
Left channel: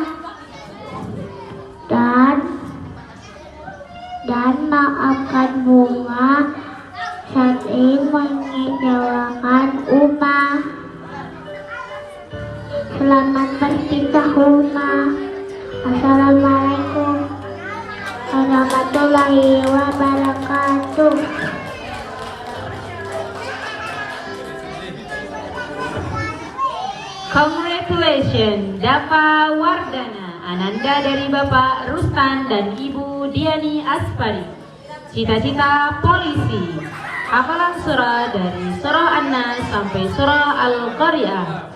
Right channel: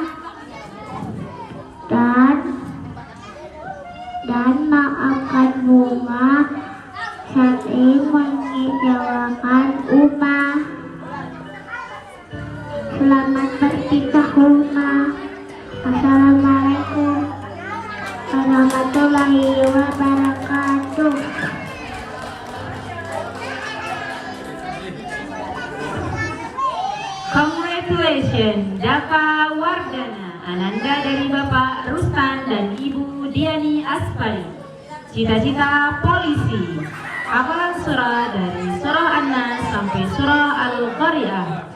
dan maafkan Bunga sering mengecewakan Uma. Selamat berpisah Uma. Assalamualaikum warahmatullahi wabarakatuh. Congratulations Dava Wardana Ananda dari Bapak Rustan dan Ibu Diani Aspari. Cita-cita polisi. Hafalan surah dari surah An-Nas sampai surah Al-Qari'ah.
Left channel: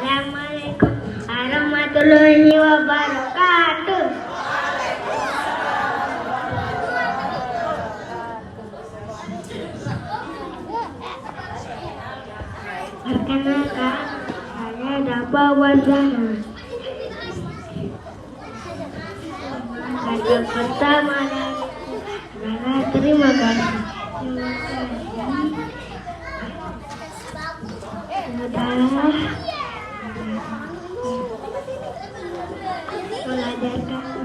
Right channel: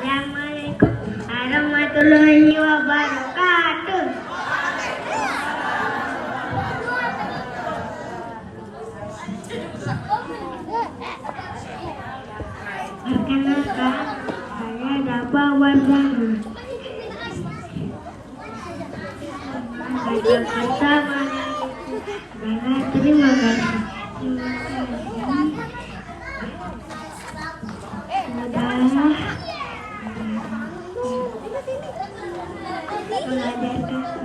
Assalamualaikum warahmatullahi wabarakatuh. Perkenalkan, saya Dava Wardana. Kata pertama adalah terima kasih. Sudah mengajarkan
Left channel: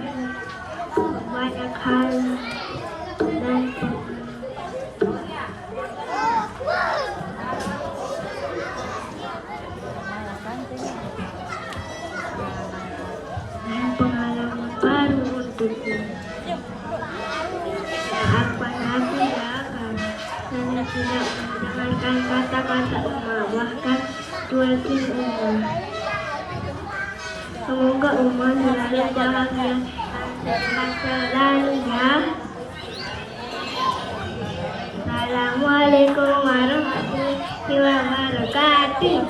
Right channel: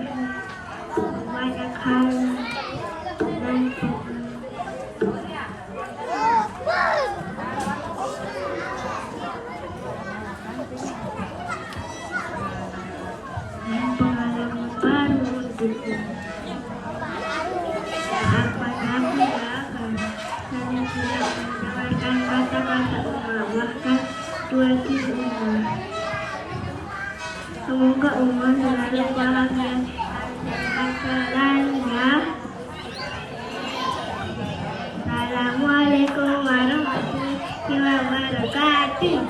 banyak hal dan pengalaman baru untukku. Apa lagi ya kan? Saya sudah mendengarkan kata-kata bahkan dua Uma. Semoga Uma selalu dalam yang selalunya. Assalamualaikum warahmatullahi wabarakatuh.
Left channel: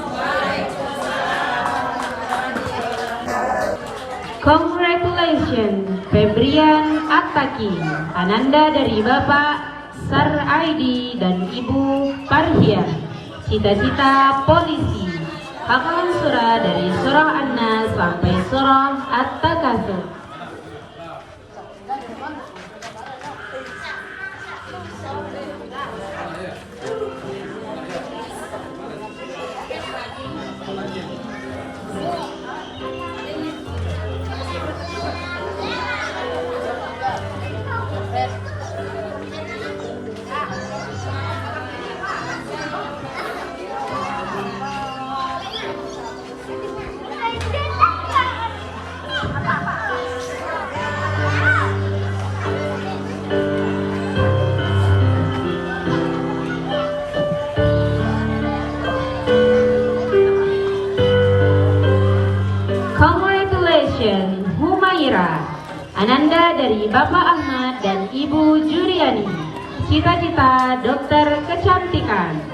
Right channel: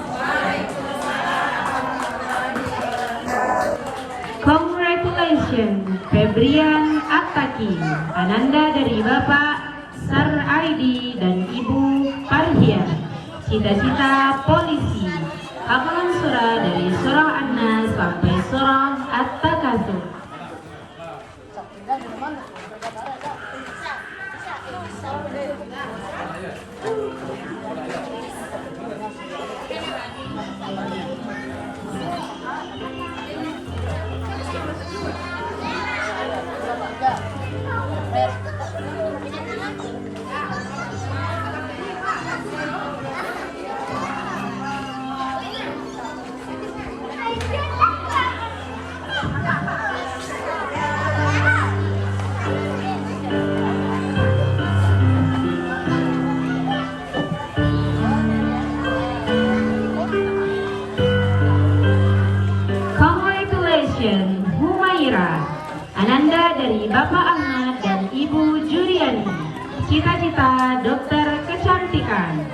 Congratulations Febrian Attaki Ananda dari Bapak Sar Aidi dan Ibu Parhia. Cita-cita polisi. Hafalan surah dari surah An-Nas sampai surah At-Takatsur. Congratulations Humaira Ananda dari Bapak Ahmad dan Ibu Juriani. Cita-cita dokter kecantikan.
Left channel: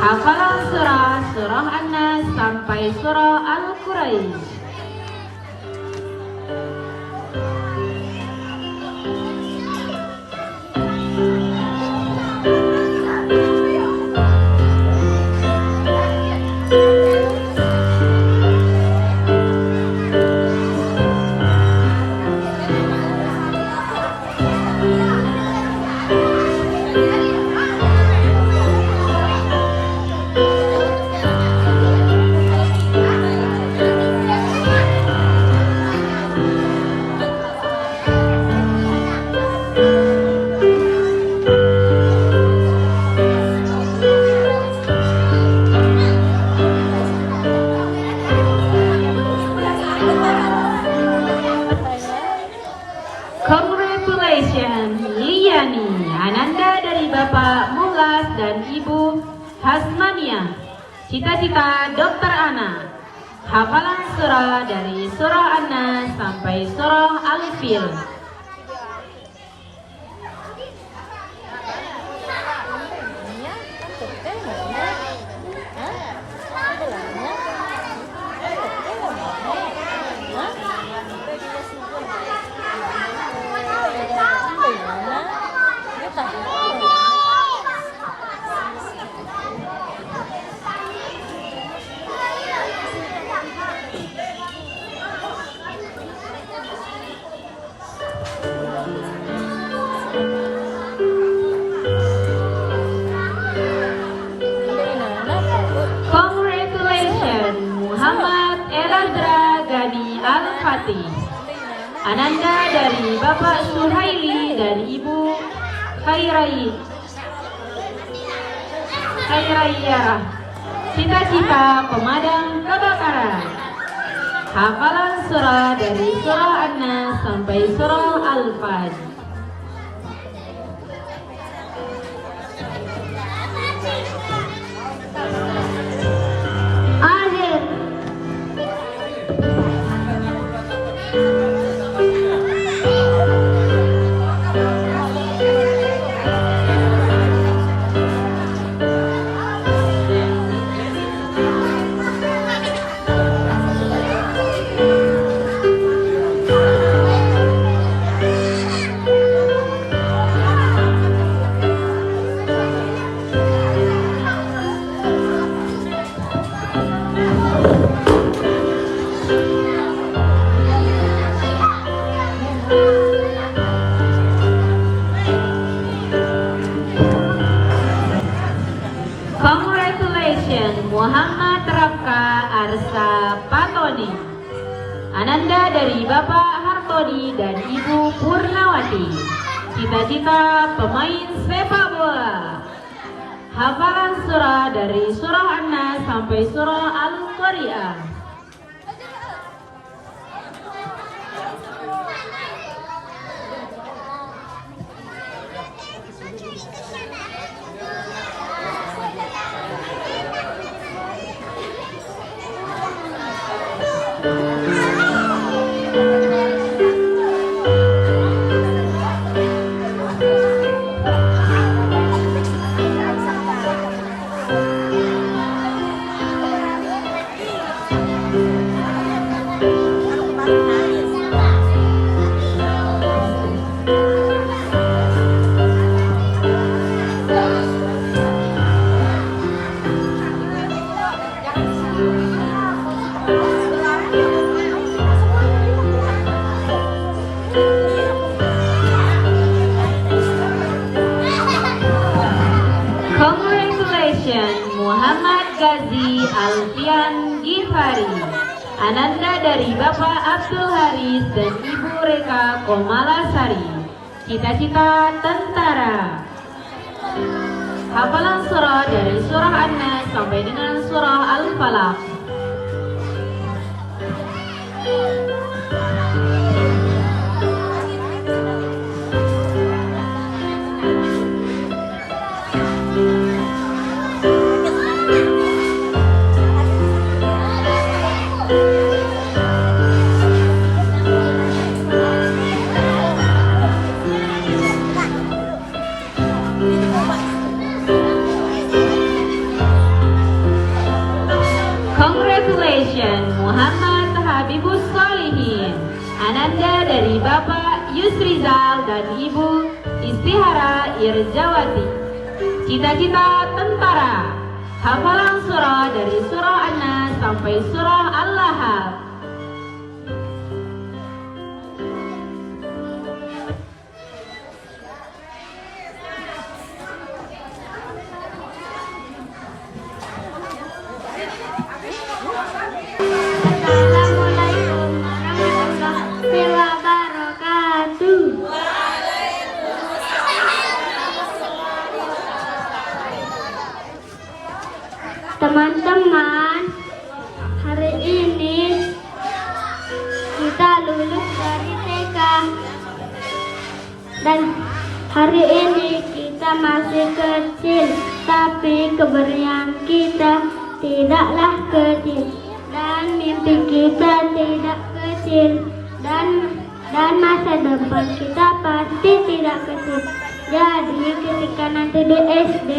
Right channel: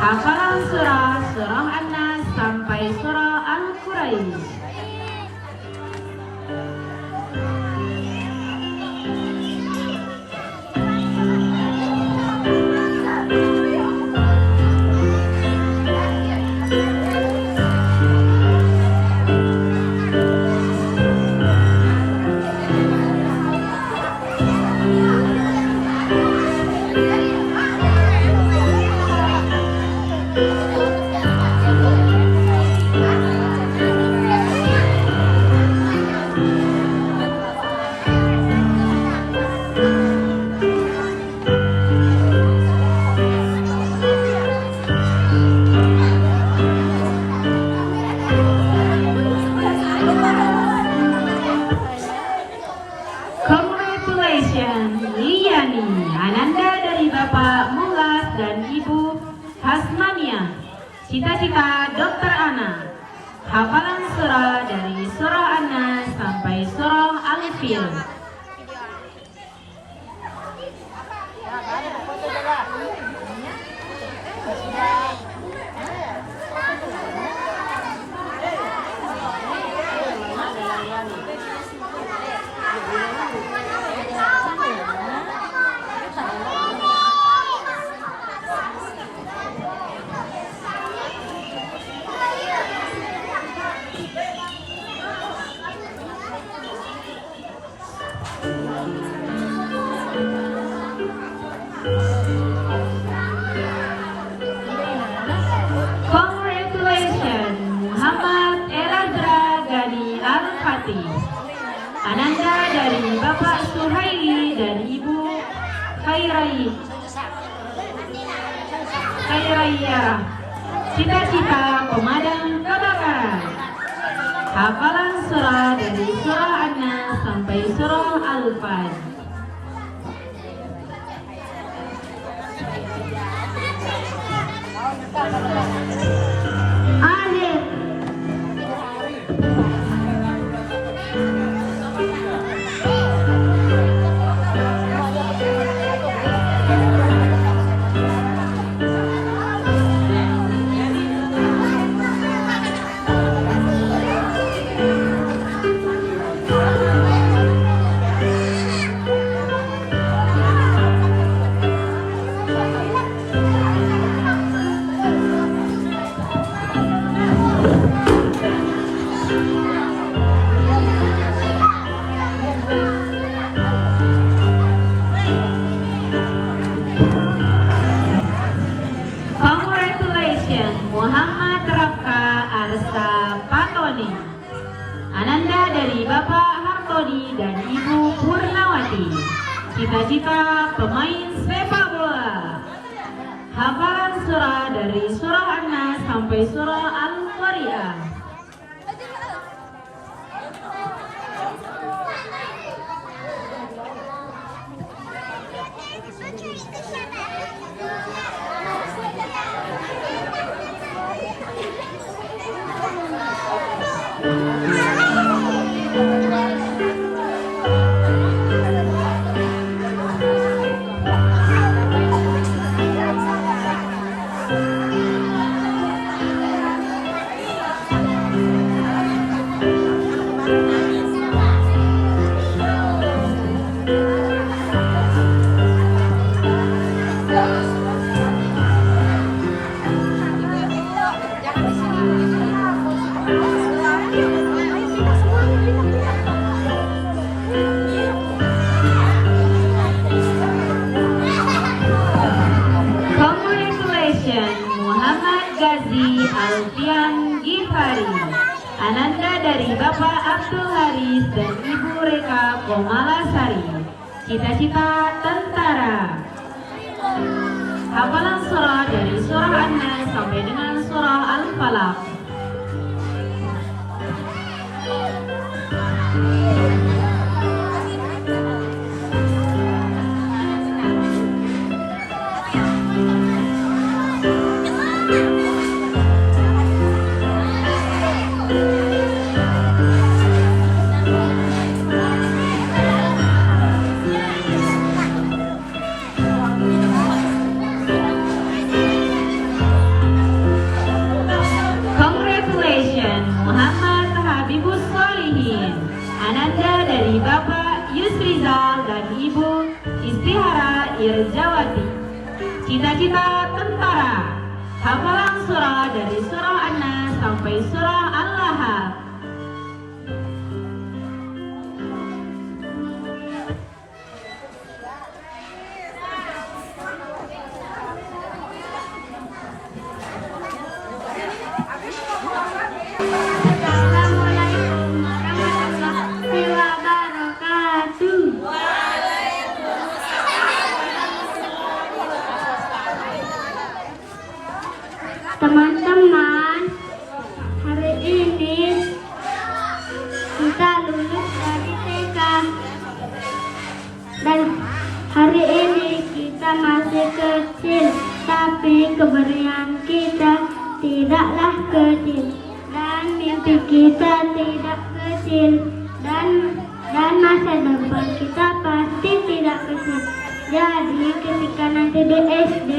Hafalan surah An-Nas sampai surah Al-Quraisy. Cita-cita Dokter Ana. Hafalan surah dari surah An-Nas sampai surah Al-Fil. Congratulations Muhammad Eladra Gani Al-Fatih. Ananda dari Bapak Suhaili dan Ibu Khairaya. Cita-cita pemadam kebakaran. Hafalan surah dari surah An-Nas sampai surah Al-Fajr. Akhir. Congratulations Muhammad Rafka Arsa Patoni. Ananda dari Bapak Hartodi dan Ibu Purnawati. Cita-cita pemain sepak bola. Hafalan surah dari surah An-Nas sampai surah Al-Qari'ah. Congratulations Muhammad Gazi Alfian Gifari. Ananda dari Bapak Abdul Haris dan Ibu Reka Komalasari. Cita-cita tentara. Hafalan surah dari surah An-Nas sampai dengan surah Al-Falaq. Congratulations Muhammad Habibus Solihin. Ananda dari Bapak Yusrizal dan Ibu Istihara Irjawati. Cita-cita tentara. Hafalan surah dari surah An-Nas sampai surah Al-Lahab. Assalamualaikum warahmatullahi wabarakatuh. Teman-teman, hari ini kita lulus dari TK dan hari ini kita masih kecil, tapi keberanian kita tidak tidaklah kecil, dan mimpi kita tidak kecil, dan masa depan kita pasti tidak kecil. Jadi ketika nanti di SD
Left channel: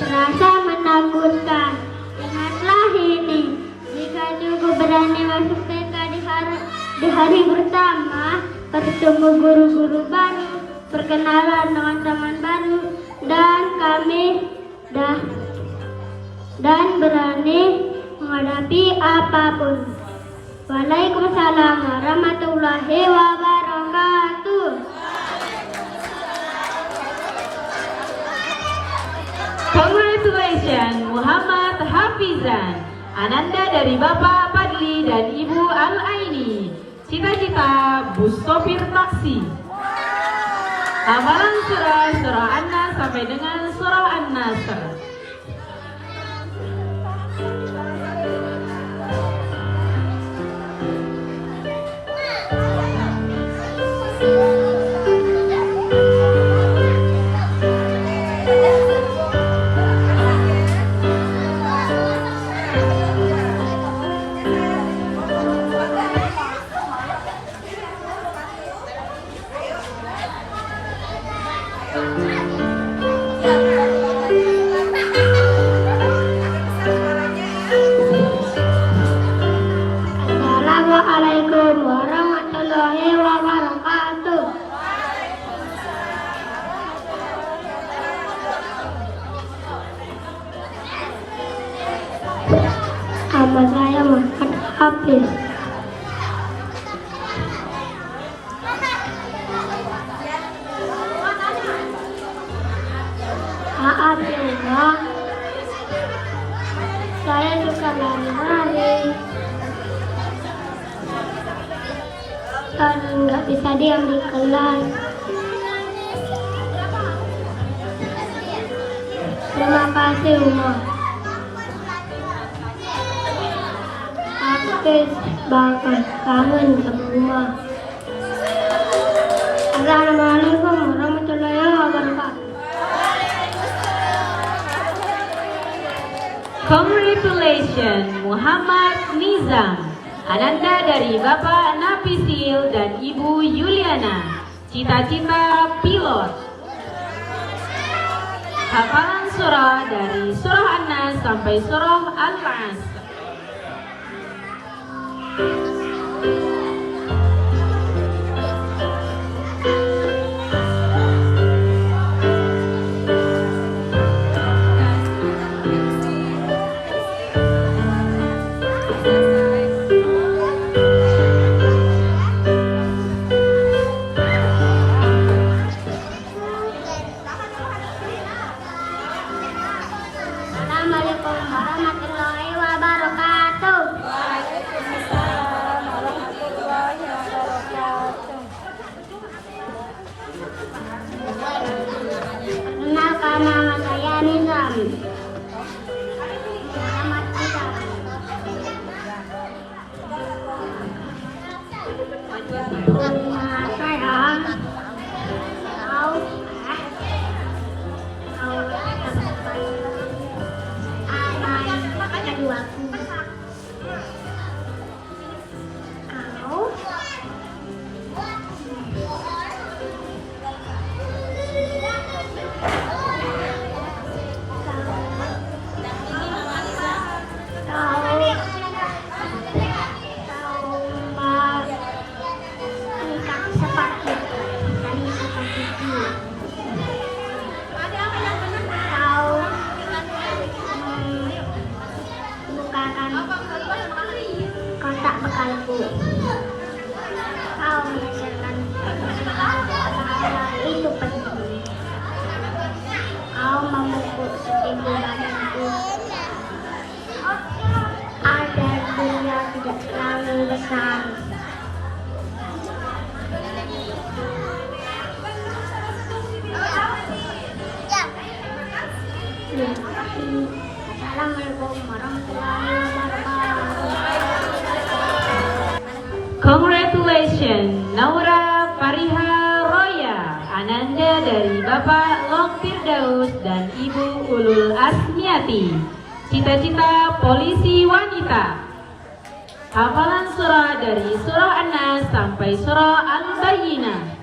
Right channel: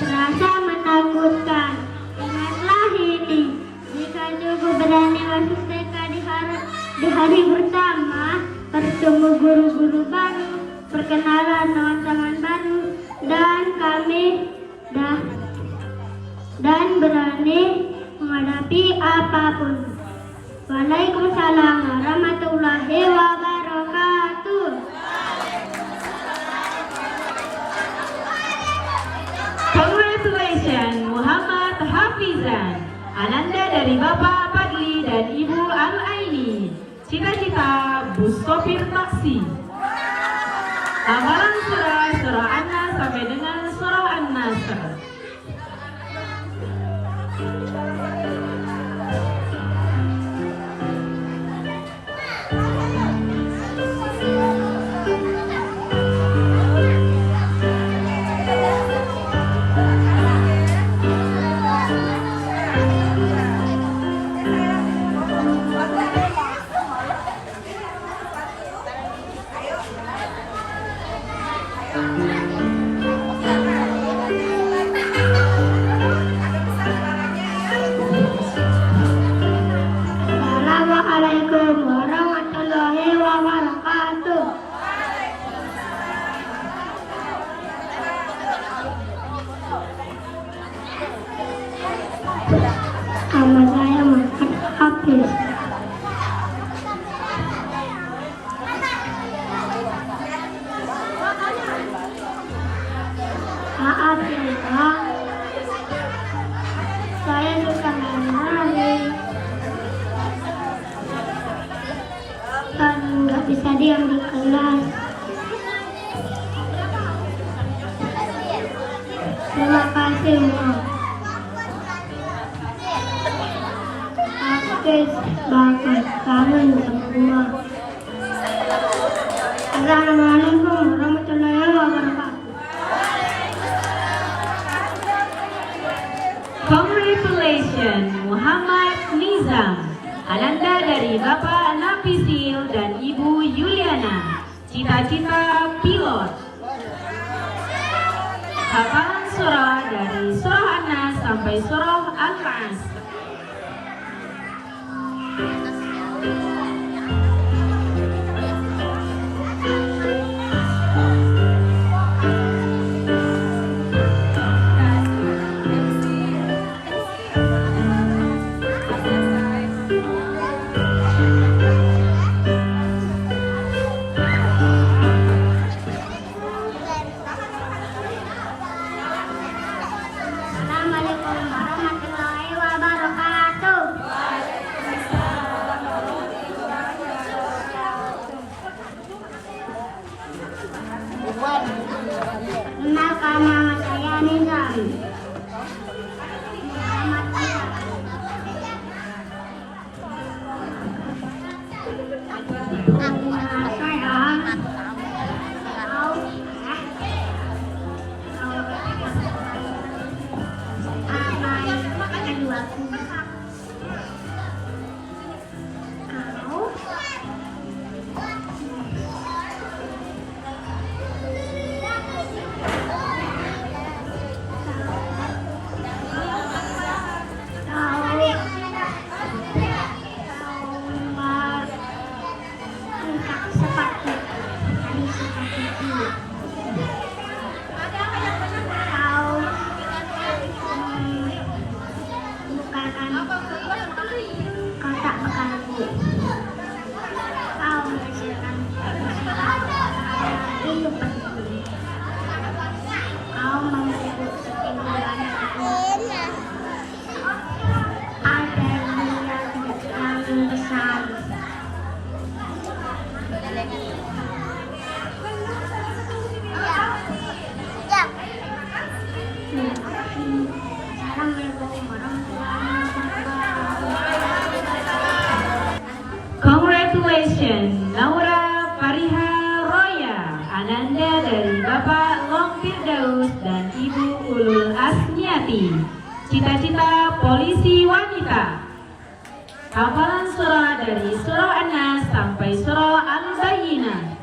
terasa menakutkan, ingatlah ini, jika juga berani masuk TK di hari pertama, bertemu guru-guru baru, perkenalan teman-teman baru, dan berani menghadapi apapun. Waalaikumsalam warahmatullahi wabarakatuh. Congratulations Muhammad Hafizan, Ananda dari Bapak Padli dan Ibu Al-Aini. Cita-cita bus sopir taksi. Hafalan surah An-Nas sampai dengan surah An-Nasr. Assalamualaikum warahmatullahi wabarakatuh. Nama saya Muhammad Hafiz. Maaf ya, saya suka lari-lari dan nggak bisa diam di kelas. Terima kasih Umar. Hafiz banget kangen berdua. Assalamualaikum warahmatullahi wabarakatuh. Congratulations Muhammad Nizam, Ananda dari Bapak Nafisil dan Ibu Yuliana. Cita-cita pilot. Hafalan surah dari surah An-Nas sampai surah Al-Asr. Assalamualaikum warahmatullahi wabarakatuh. Kenalkan nama saya Nizam. Nama saya kotak bekalku. Kau menyelesaikan itu penting. Kau memupuk sepintu badanku agar dia tidak terlalu besar. Assalamualaikum warahmatullahi wabarakatuh. Congratulations Naura Fariha Roya, Ananda dari Bapak Long Firdaus dan Ibu Ulul Asniati. Cita-cita polisi siswi wanita. Hafalan surah dari surah An-Nas sampai surah Al-Bayyinah.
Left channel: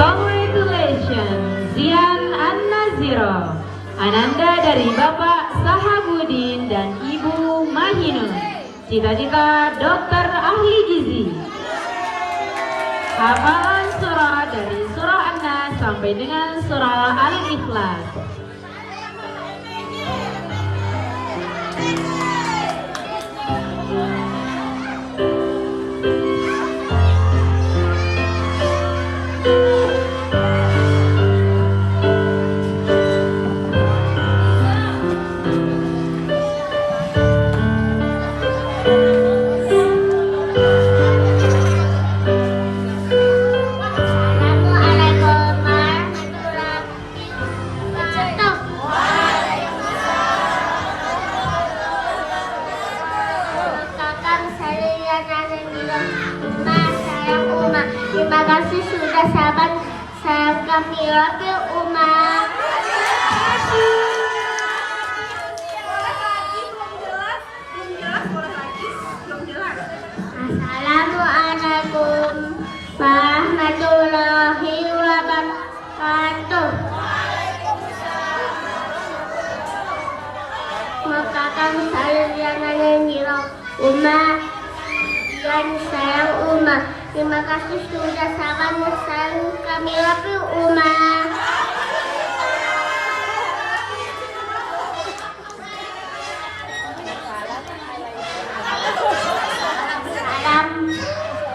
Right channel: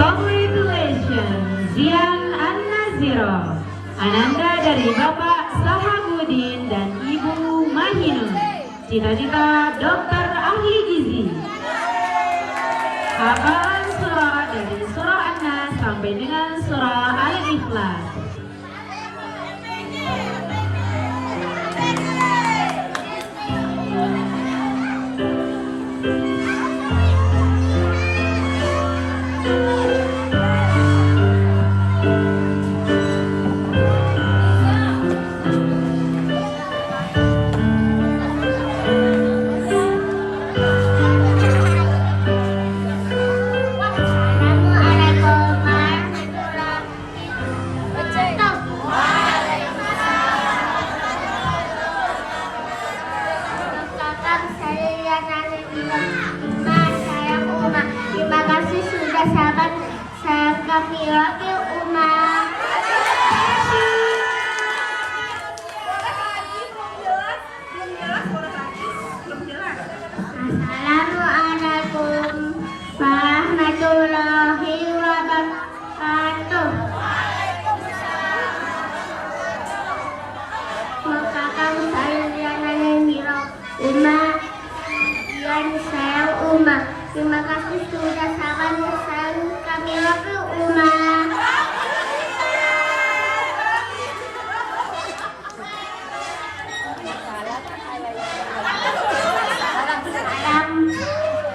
Congratulations, Zian An-Naziro. Ananda dari Bapak Sahabudin dan Ibu Mahinun. Cita-cita dokter ahli gizi. Hafalan surah dari surah An-Nas sampai dengan surah Al-Ikhlas. Terima kasih sudah sahabat kami wakil umat. Assalamualaikum warahmatullahi wabarakatuh. Makakan saya yang ada di umat. Dan saya umat. Terima kasih sudah sahabat kami wakil umat.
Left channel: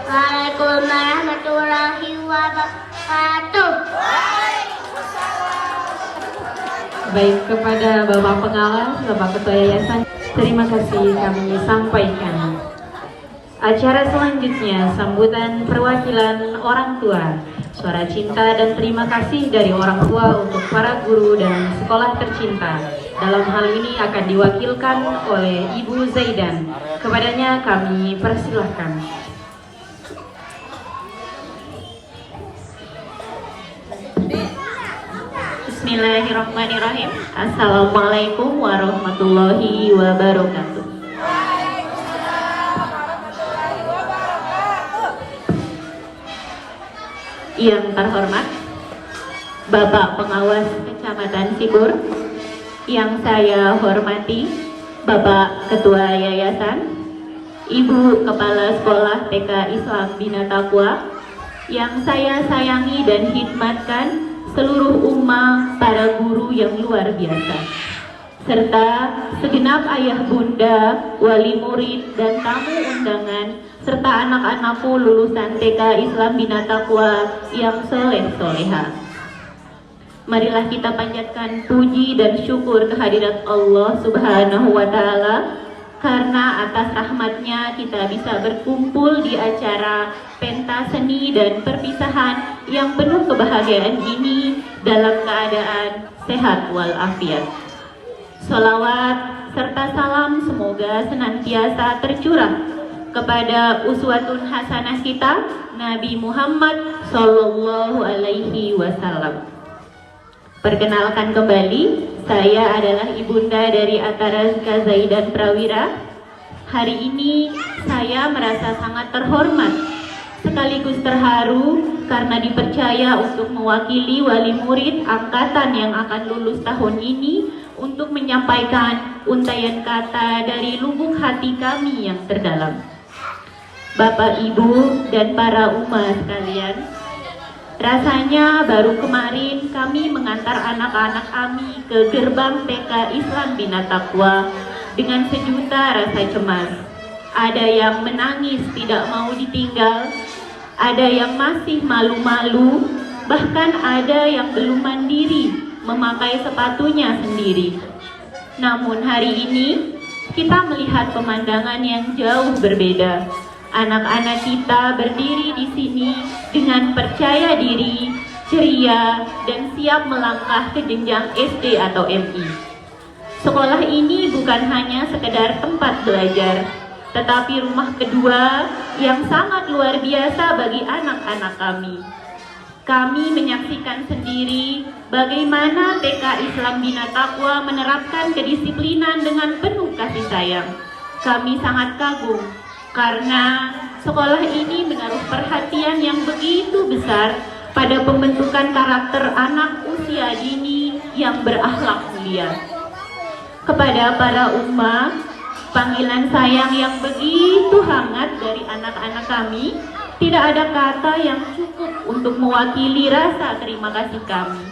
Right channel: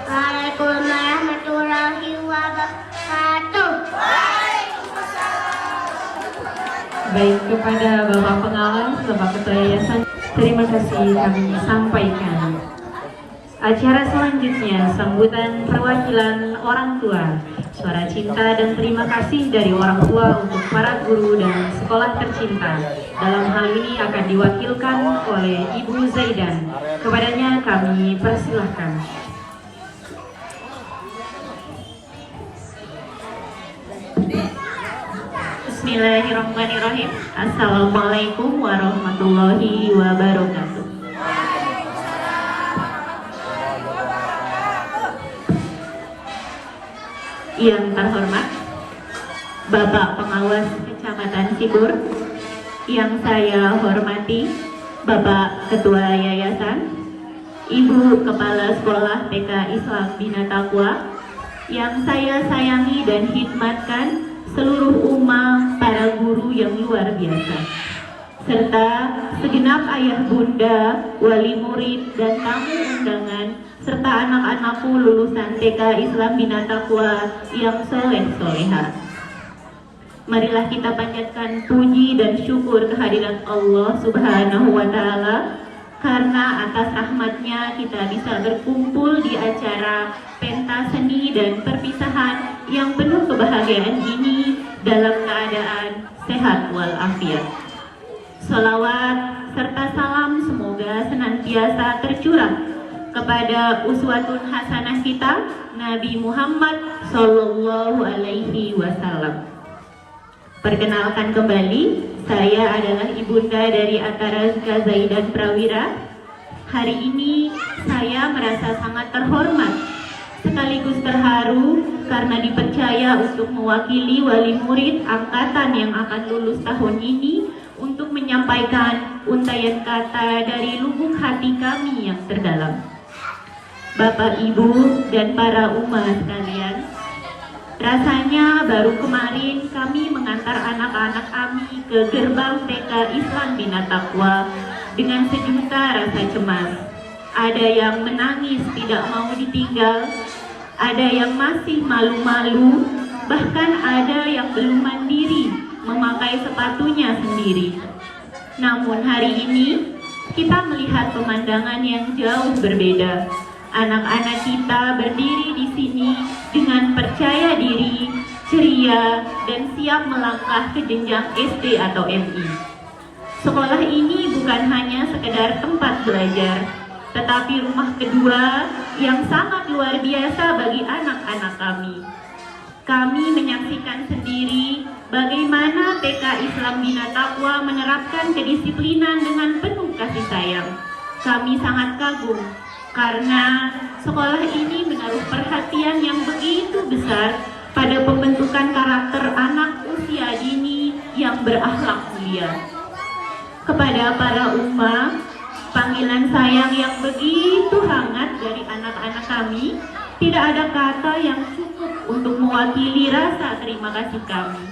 Assalamualaikum warahmatullahi wabarakatuh. Baik, kepada Bapak Pengawas, Bapak Ketua Yayasan, terima kasih kami sampaikan. Acara selanjutnya, sambutan perwakilan orang tua, suara cinta dan terima kasih dari orang tua untuk para guru dan sekolah tercinta. Dalam hal ini akan diwakilkan oleh Ibu Zaidan. Kepadanya kami persilahkan. Bismillahirrahmanirrahim. Assalamualaikum warahmatullahi wabarakatuh. Yang terhormat Bapak Pengawas Kecamatan Sibur, yang saya hormati Bapak Ketua Yayasan, Ibu Kepala Sekolah TK Islam Bina Taqwa, yang saya sayangi dan khidmatkan seluruh umat para guru yang luar biasa, serta segenap ayah bunda, wali murid dan tamu undangan, serta anak-anakku lulusan TK Islam Bina Taqwa yang soleh-soleha. Marilah kita panjatkan puji dan syukur kehadirat Allah Subhanahu wa Ta'ala, karena atas rahmatnya kita bisa berkumpul di acara pentas seni dan perpisahan yang penuh kebahagiaan ini dalam keadaan sehat walafiat. Salawat serta salam semoga senantiasa tercurah kepada uswatun hasanah kita, Nabi Muhammad Sallallahu Alaihi Wasallam. Perkenalkan kembali, saya adalah ibunda dari Atarazka Zaidan Prawira. Hari ini saya merasa sangat terhormat sekaligus terharu karena dipercaya untuk mewakili wali murid angkatan yang akan lulus tahun ini untuk menyampaikan untayan kata dari lubuk hati kami yang terdalam. Bapak, Ibu, dan para umat sekalian, rasanya baru kemarin kami mengantar anak-anak kami ke gerbang TK Islam Bina Taqwa dengan sejuta rasa cemas. Ada yang menangis tidak mau ditinggal, ada yang masih malu-malu, bahkan ada yang belum mandiri memakai sepatunya sendiri. Namun hari ini kita melihat pemandangan yang jauh berbeda. Anak-anak kita berdiri di sini dengan percaya diri, ceria, dan siap melangkah ke jenjang SD atau MI. Sekolah ini bukan hanya sekedar tempat belajar, tetapi rumah kedua yang sangat luar biasa bagi anak-anak kami. Kami menyaksikan sendiri bagaimana TK Islam Bina Taqwa menerapkan kedisiplinan dengan penuh kasih sayang. Kami sangat kagum karena sekolah ini menaruh perhatian yang begitu besar pada pembentukan karakter anak usia dini yang berakhlak mulia. Kepada para umat, panggilan sayang yang begitu hangat dari anak-anak kami, tidak ada kata yang cukup untuk mewakili rasa terima kasih kami.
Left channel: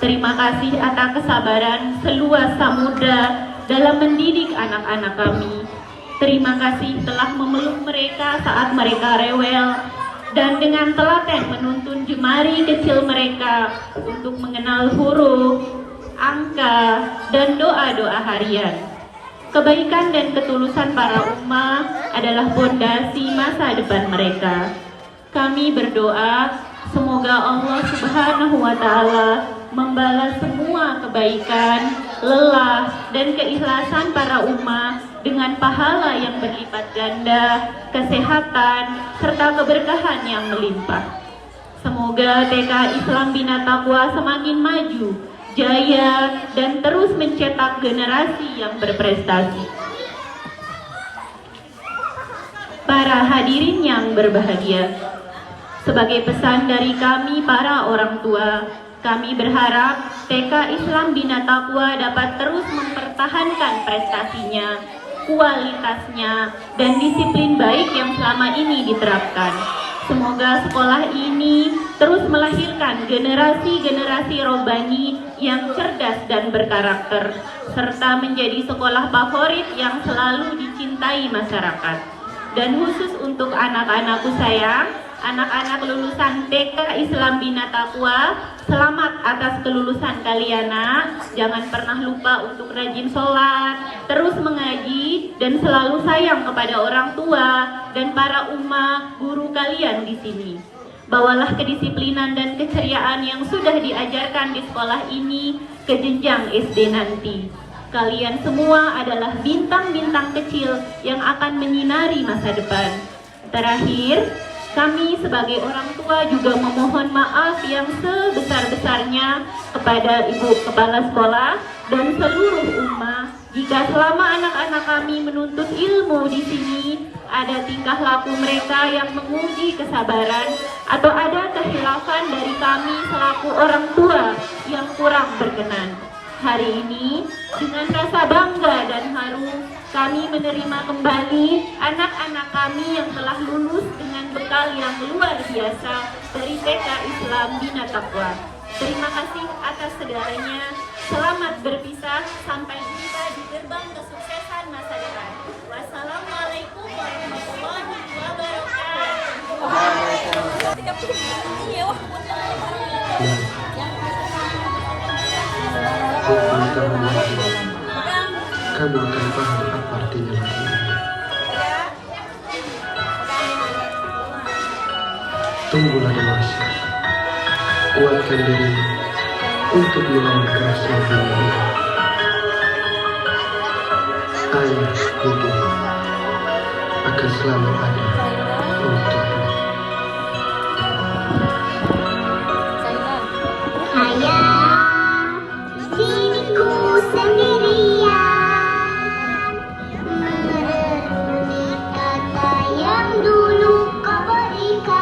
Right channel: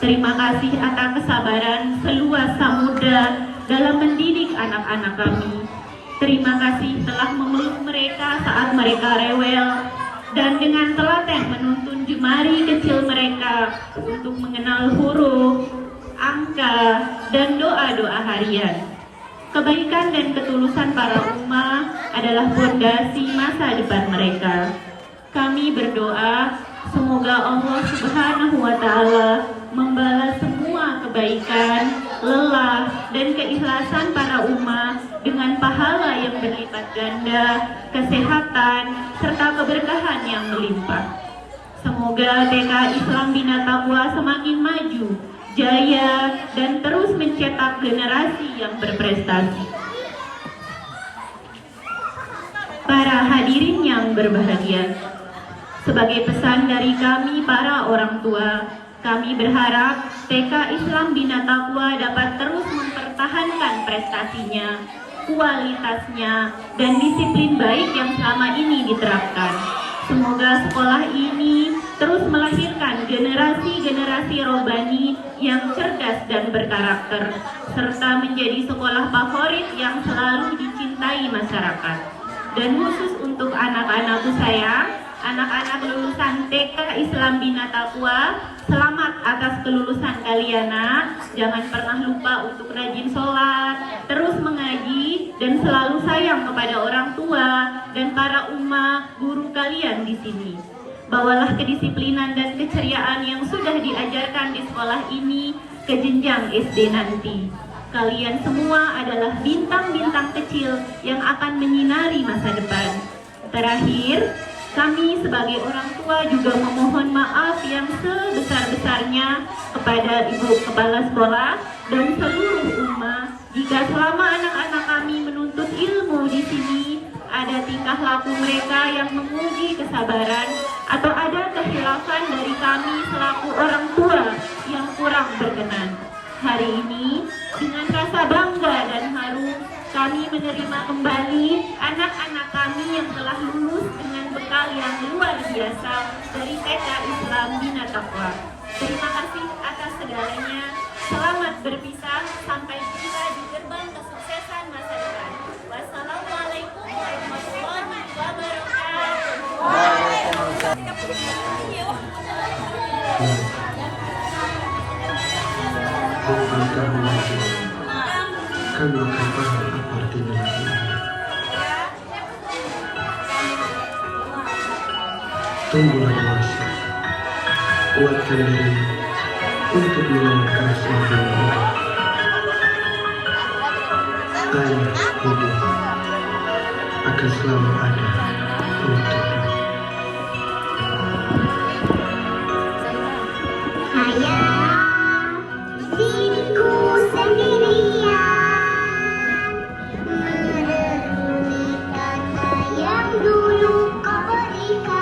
Terima kasih atas kesabaran seluas samudra dalam mendidik anak-anak kami. Terima kasih telah memeluk mereka saat mereka rewel dan dengan telaten menuntun jemari kecil mereka untuk mengenal huruf, angka, dan doa-doa harian. Kebaikan dan ketulusan para umat adalah fondasi masa depan mereka. Kami berdoa semoga Allah Subhanahu wa Ta'ala membalas semua kebaikan, lelah, dan keikhlasan para umat dengan pahala yang berlipat ganda, kesehatan, serta keberkahan yang melimpah. Semoga TK Islam Bina Taqwa semakin maju, jaya, dan terus mencetak generasi yang berprestasi. Para hadirin yang berbahagia, sebagai pesan dari kami para orang tua, kami berharap TK Islam Bina Taqwa dapat terus mempertahankan prestasinya, kualitasnya, dan disiplin baik yang selama ini diterapkan. Semoga sekolah ini terus melahirkan generasi-generasi robani yang cerdas dan berkarakter, serta menjadi sekolah favorit yang selalu dicintai masyarakat. Dan khusus untuk anak-anakku sayang, anak-anak lulusan TK Islam Bina Taqwa, selamat atas kelulusan kalian, nak. Jangan pernah lupa untuk rajin sholat, terus mengaji, dan selalu sayang kepada orang tua dan para umat guru kalian di sini. Bawalah kedisiplinan dan keceriaan yang sudah diajarkan di sekolah ini ke jenjang SD nanti. Kalian semua adalah bintang-bintang kecil yang akan menyinari masa depan. Terakhir, kami sebagai orang tua juga memohon maaf yang sebesar-besarnya kepada Ibu Kepala Sekolah dan seluruh umat jika selama anak-anak kami menuntut ilmu di sini ada tingkah laku mereka yang menguji kesabaran atau ada kehilafan dari kami selaku orang tua yang kurang berkenan. Hari ini dengan rasa bangga dan haru kami menerima kembali anak-anak kami yang telah lulus dengan bekal yang luar biasa dari TK Islam Bina Taqwa. Terima kasih atas segalanya. Selamat berpisah. Sampai jumpa di gerbang kesuksesan masa depan. Wassalamualaikum warahmatullahi Kamu akan tahu apa artinya ini. Tunggulah dewasa, kuatkan diri untuk melawan rasa ini. Ayah hidup akan selalu ada untuk kita. Diriku sendirian merenungi kata yang dulu kau berikan.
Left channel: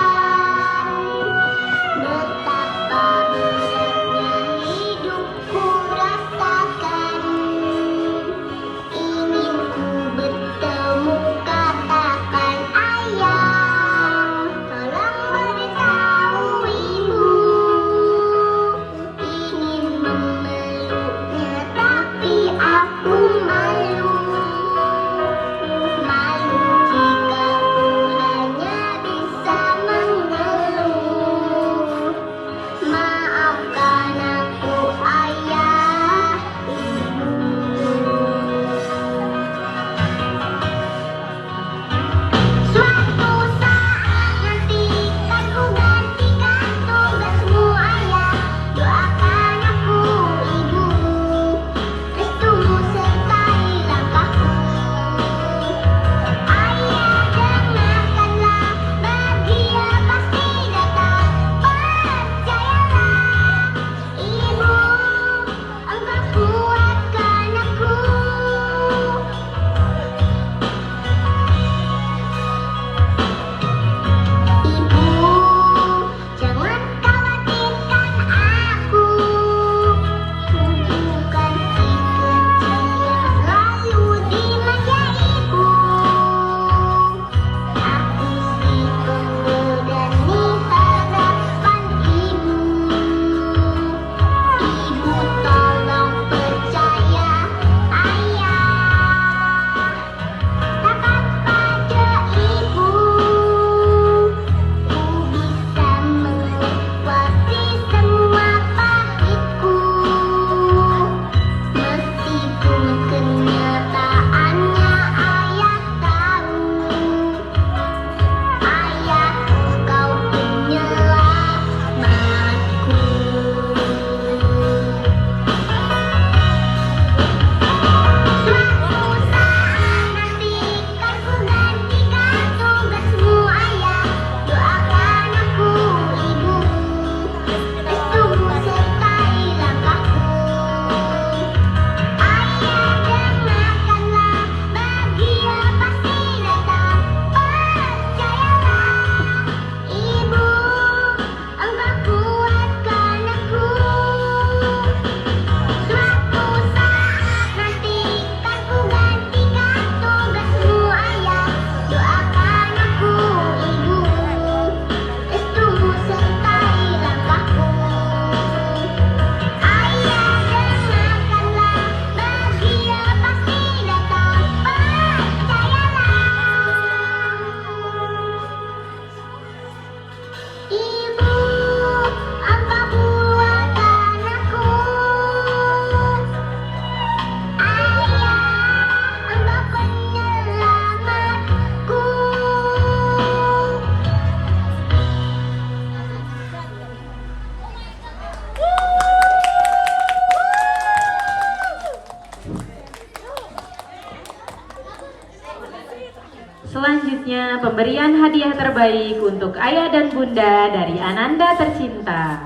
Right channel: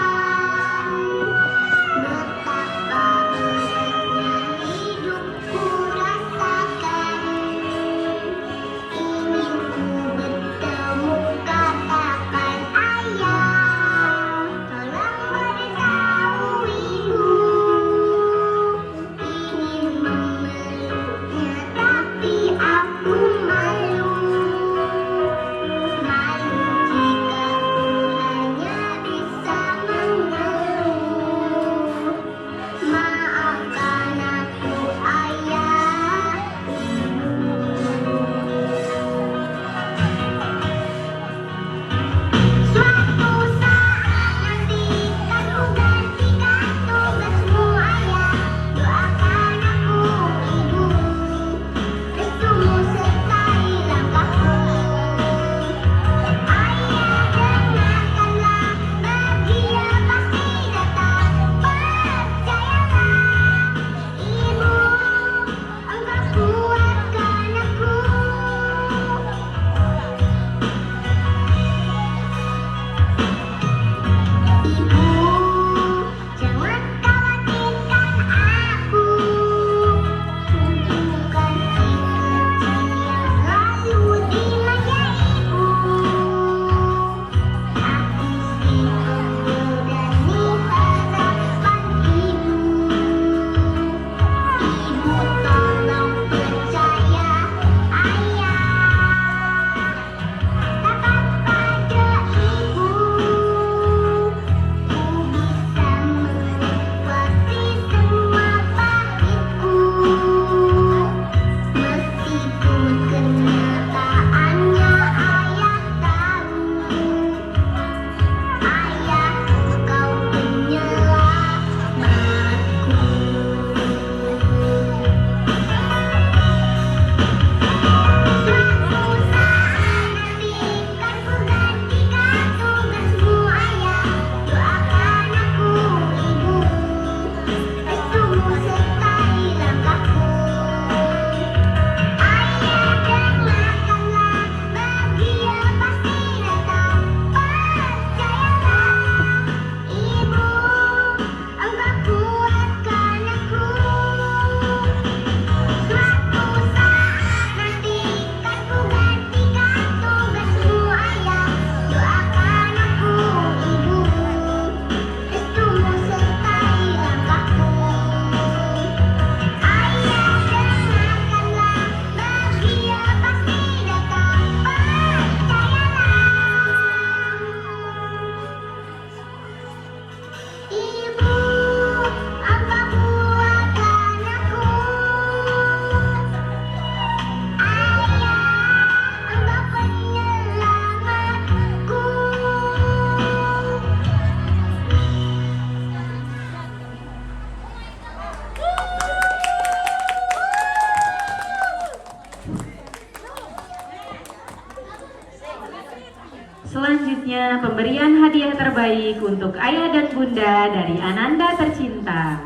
Selanjutnya, pemberian hadiah terbaik untuk ayah dan bunda dari Ananda tercinta.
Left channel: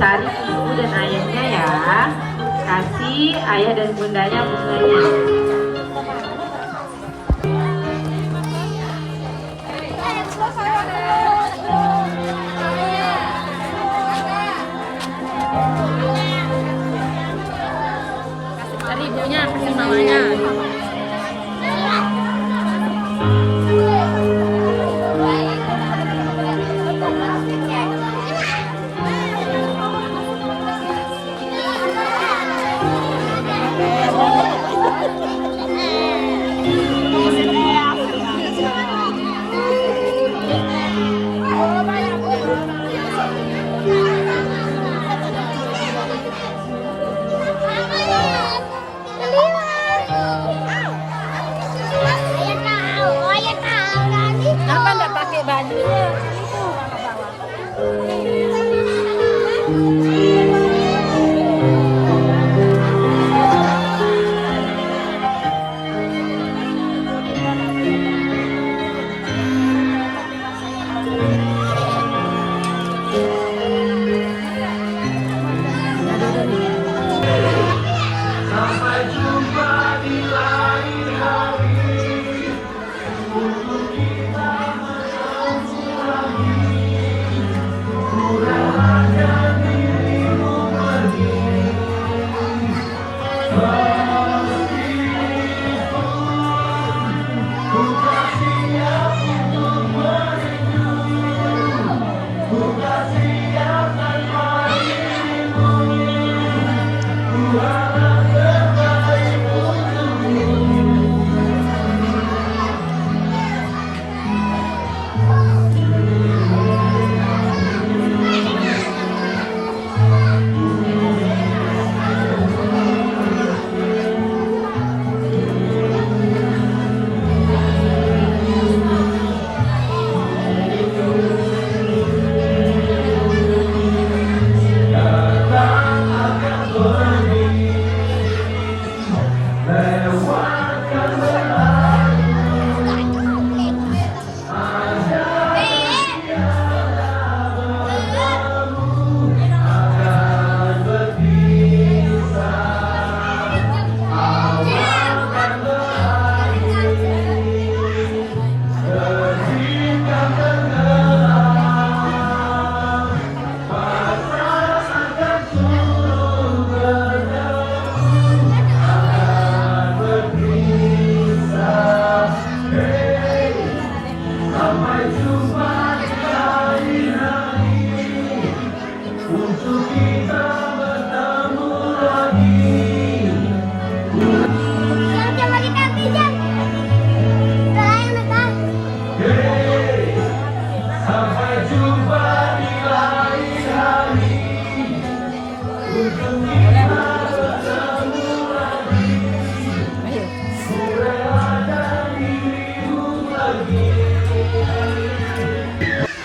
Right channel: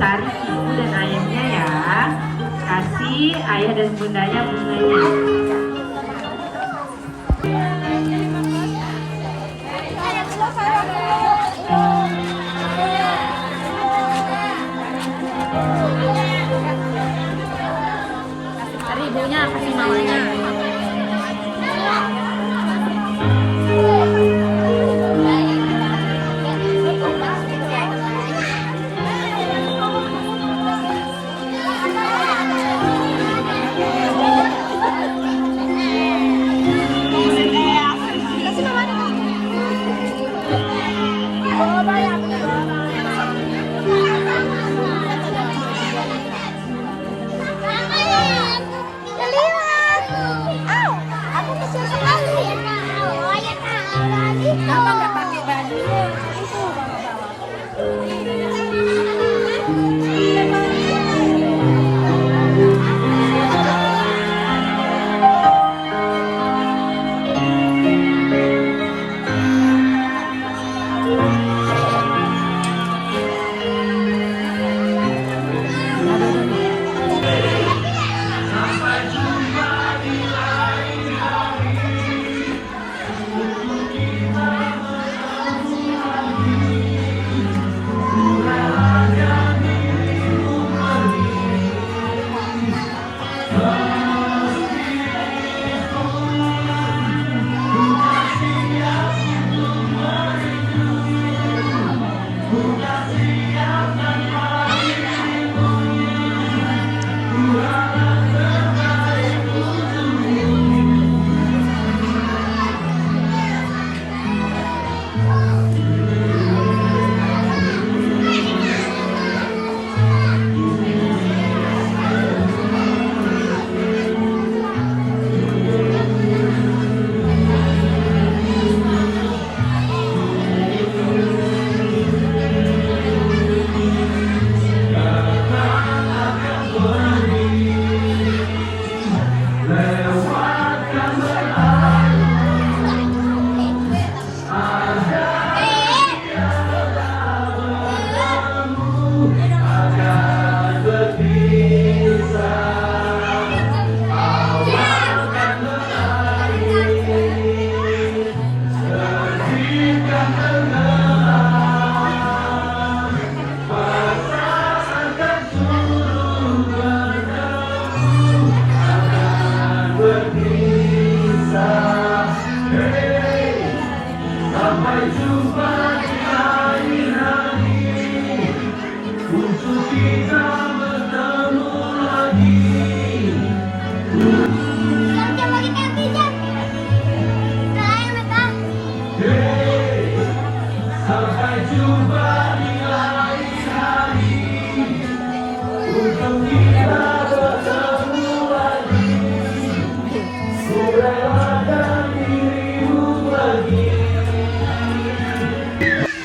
Cari ibu dan ayahnya ya. Kasih ayah dan bundanya bunganya. Cari ibunya, kasih mamanya. Kenapa nggak pakai bajunya? Itu bawa-bawa.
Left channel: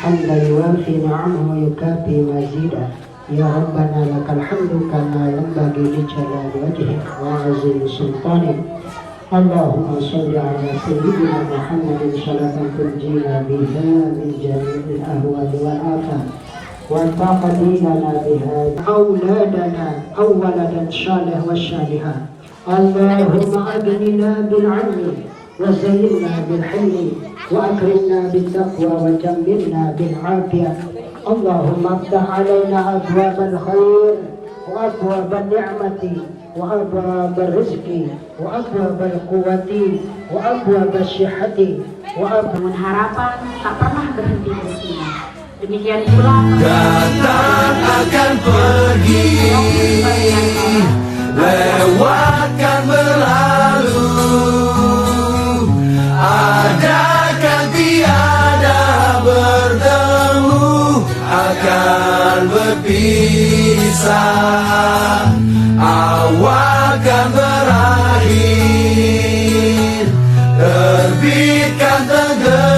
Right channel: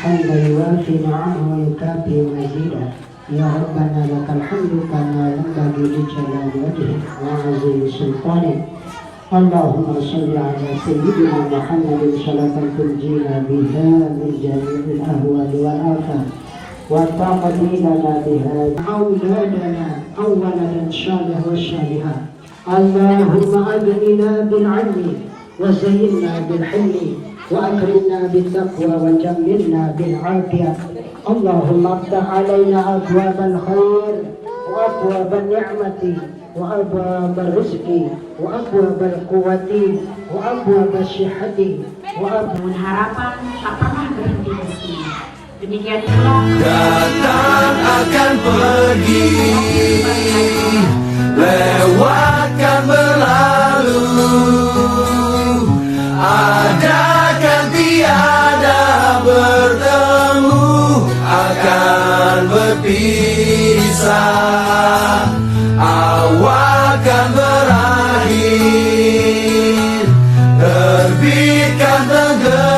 حمدا يوافي نعمه ويكافئ مزيدا يا ربنا لك الحمد كما ينبغي لجلال وجهك وعظيم سلطانك اللهم صل على سيدنا محمد صلاة تنجينا بها من جميع الأهوال والآفات وتقضي لنا بها أولادنا أو ولدا صالح والصالحة اللهم أغننا بالعلم وزينا بالحلم وأكرمنا بالتقوى وجملنا بالعافية اللهم افتح علينا أبواب الخير وأبواب النعمة وأبواب الرزق وأبواب القوة وأبواب الصحة وأبواب Harapan tak pernah berhenti di sini. Demikian pula datang akan pergi, lewatkan berlalu, adakan tiada bertemu, akan berpisah, awal kan berakhir, terbitkan tenggelam.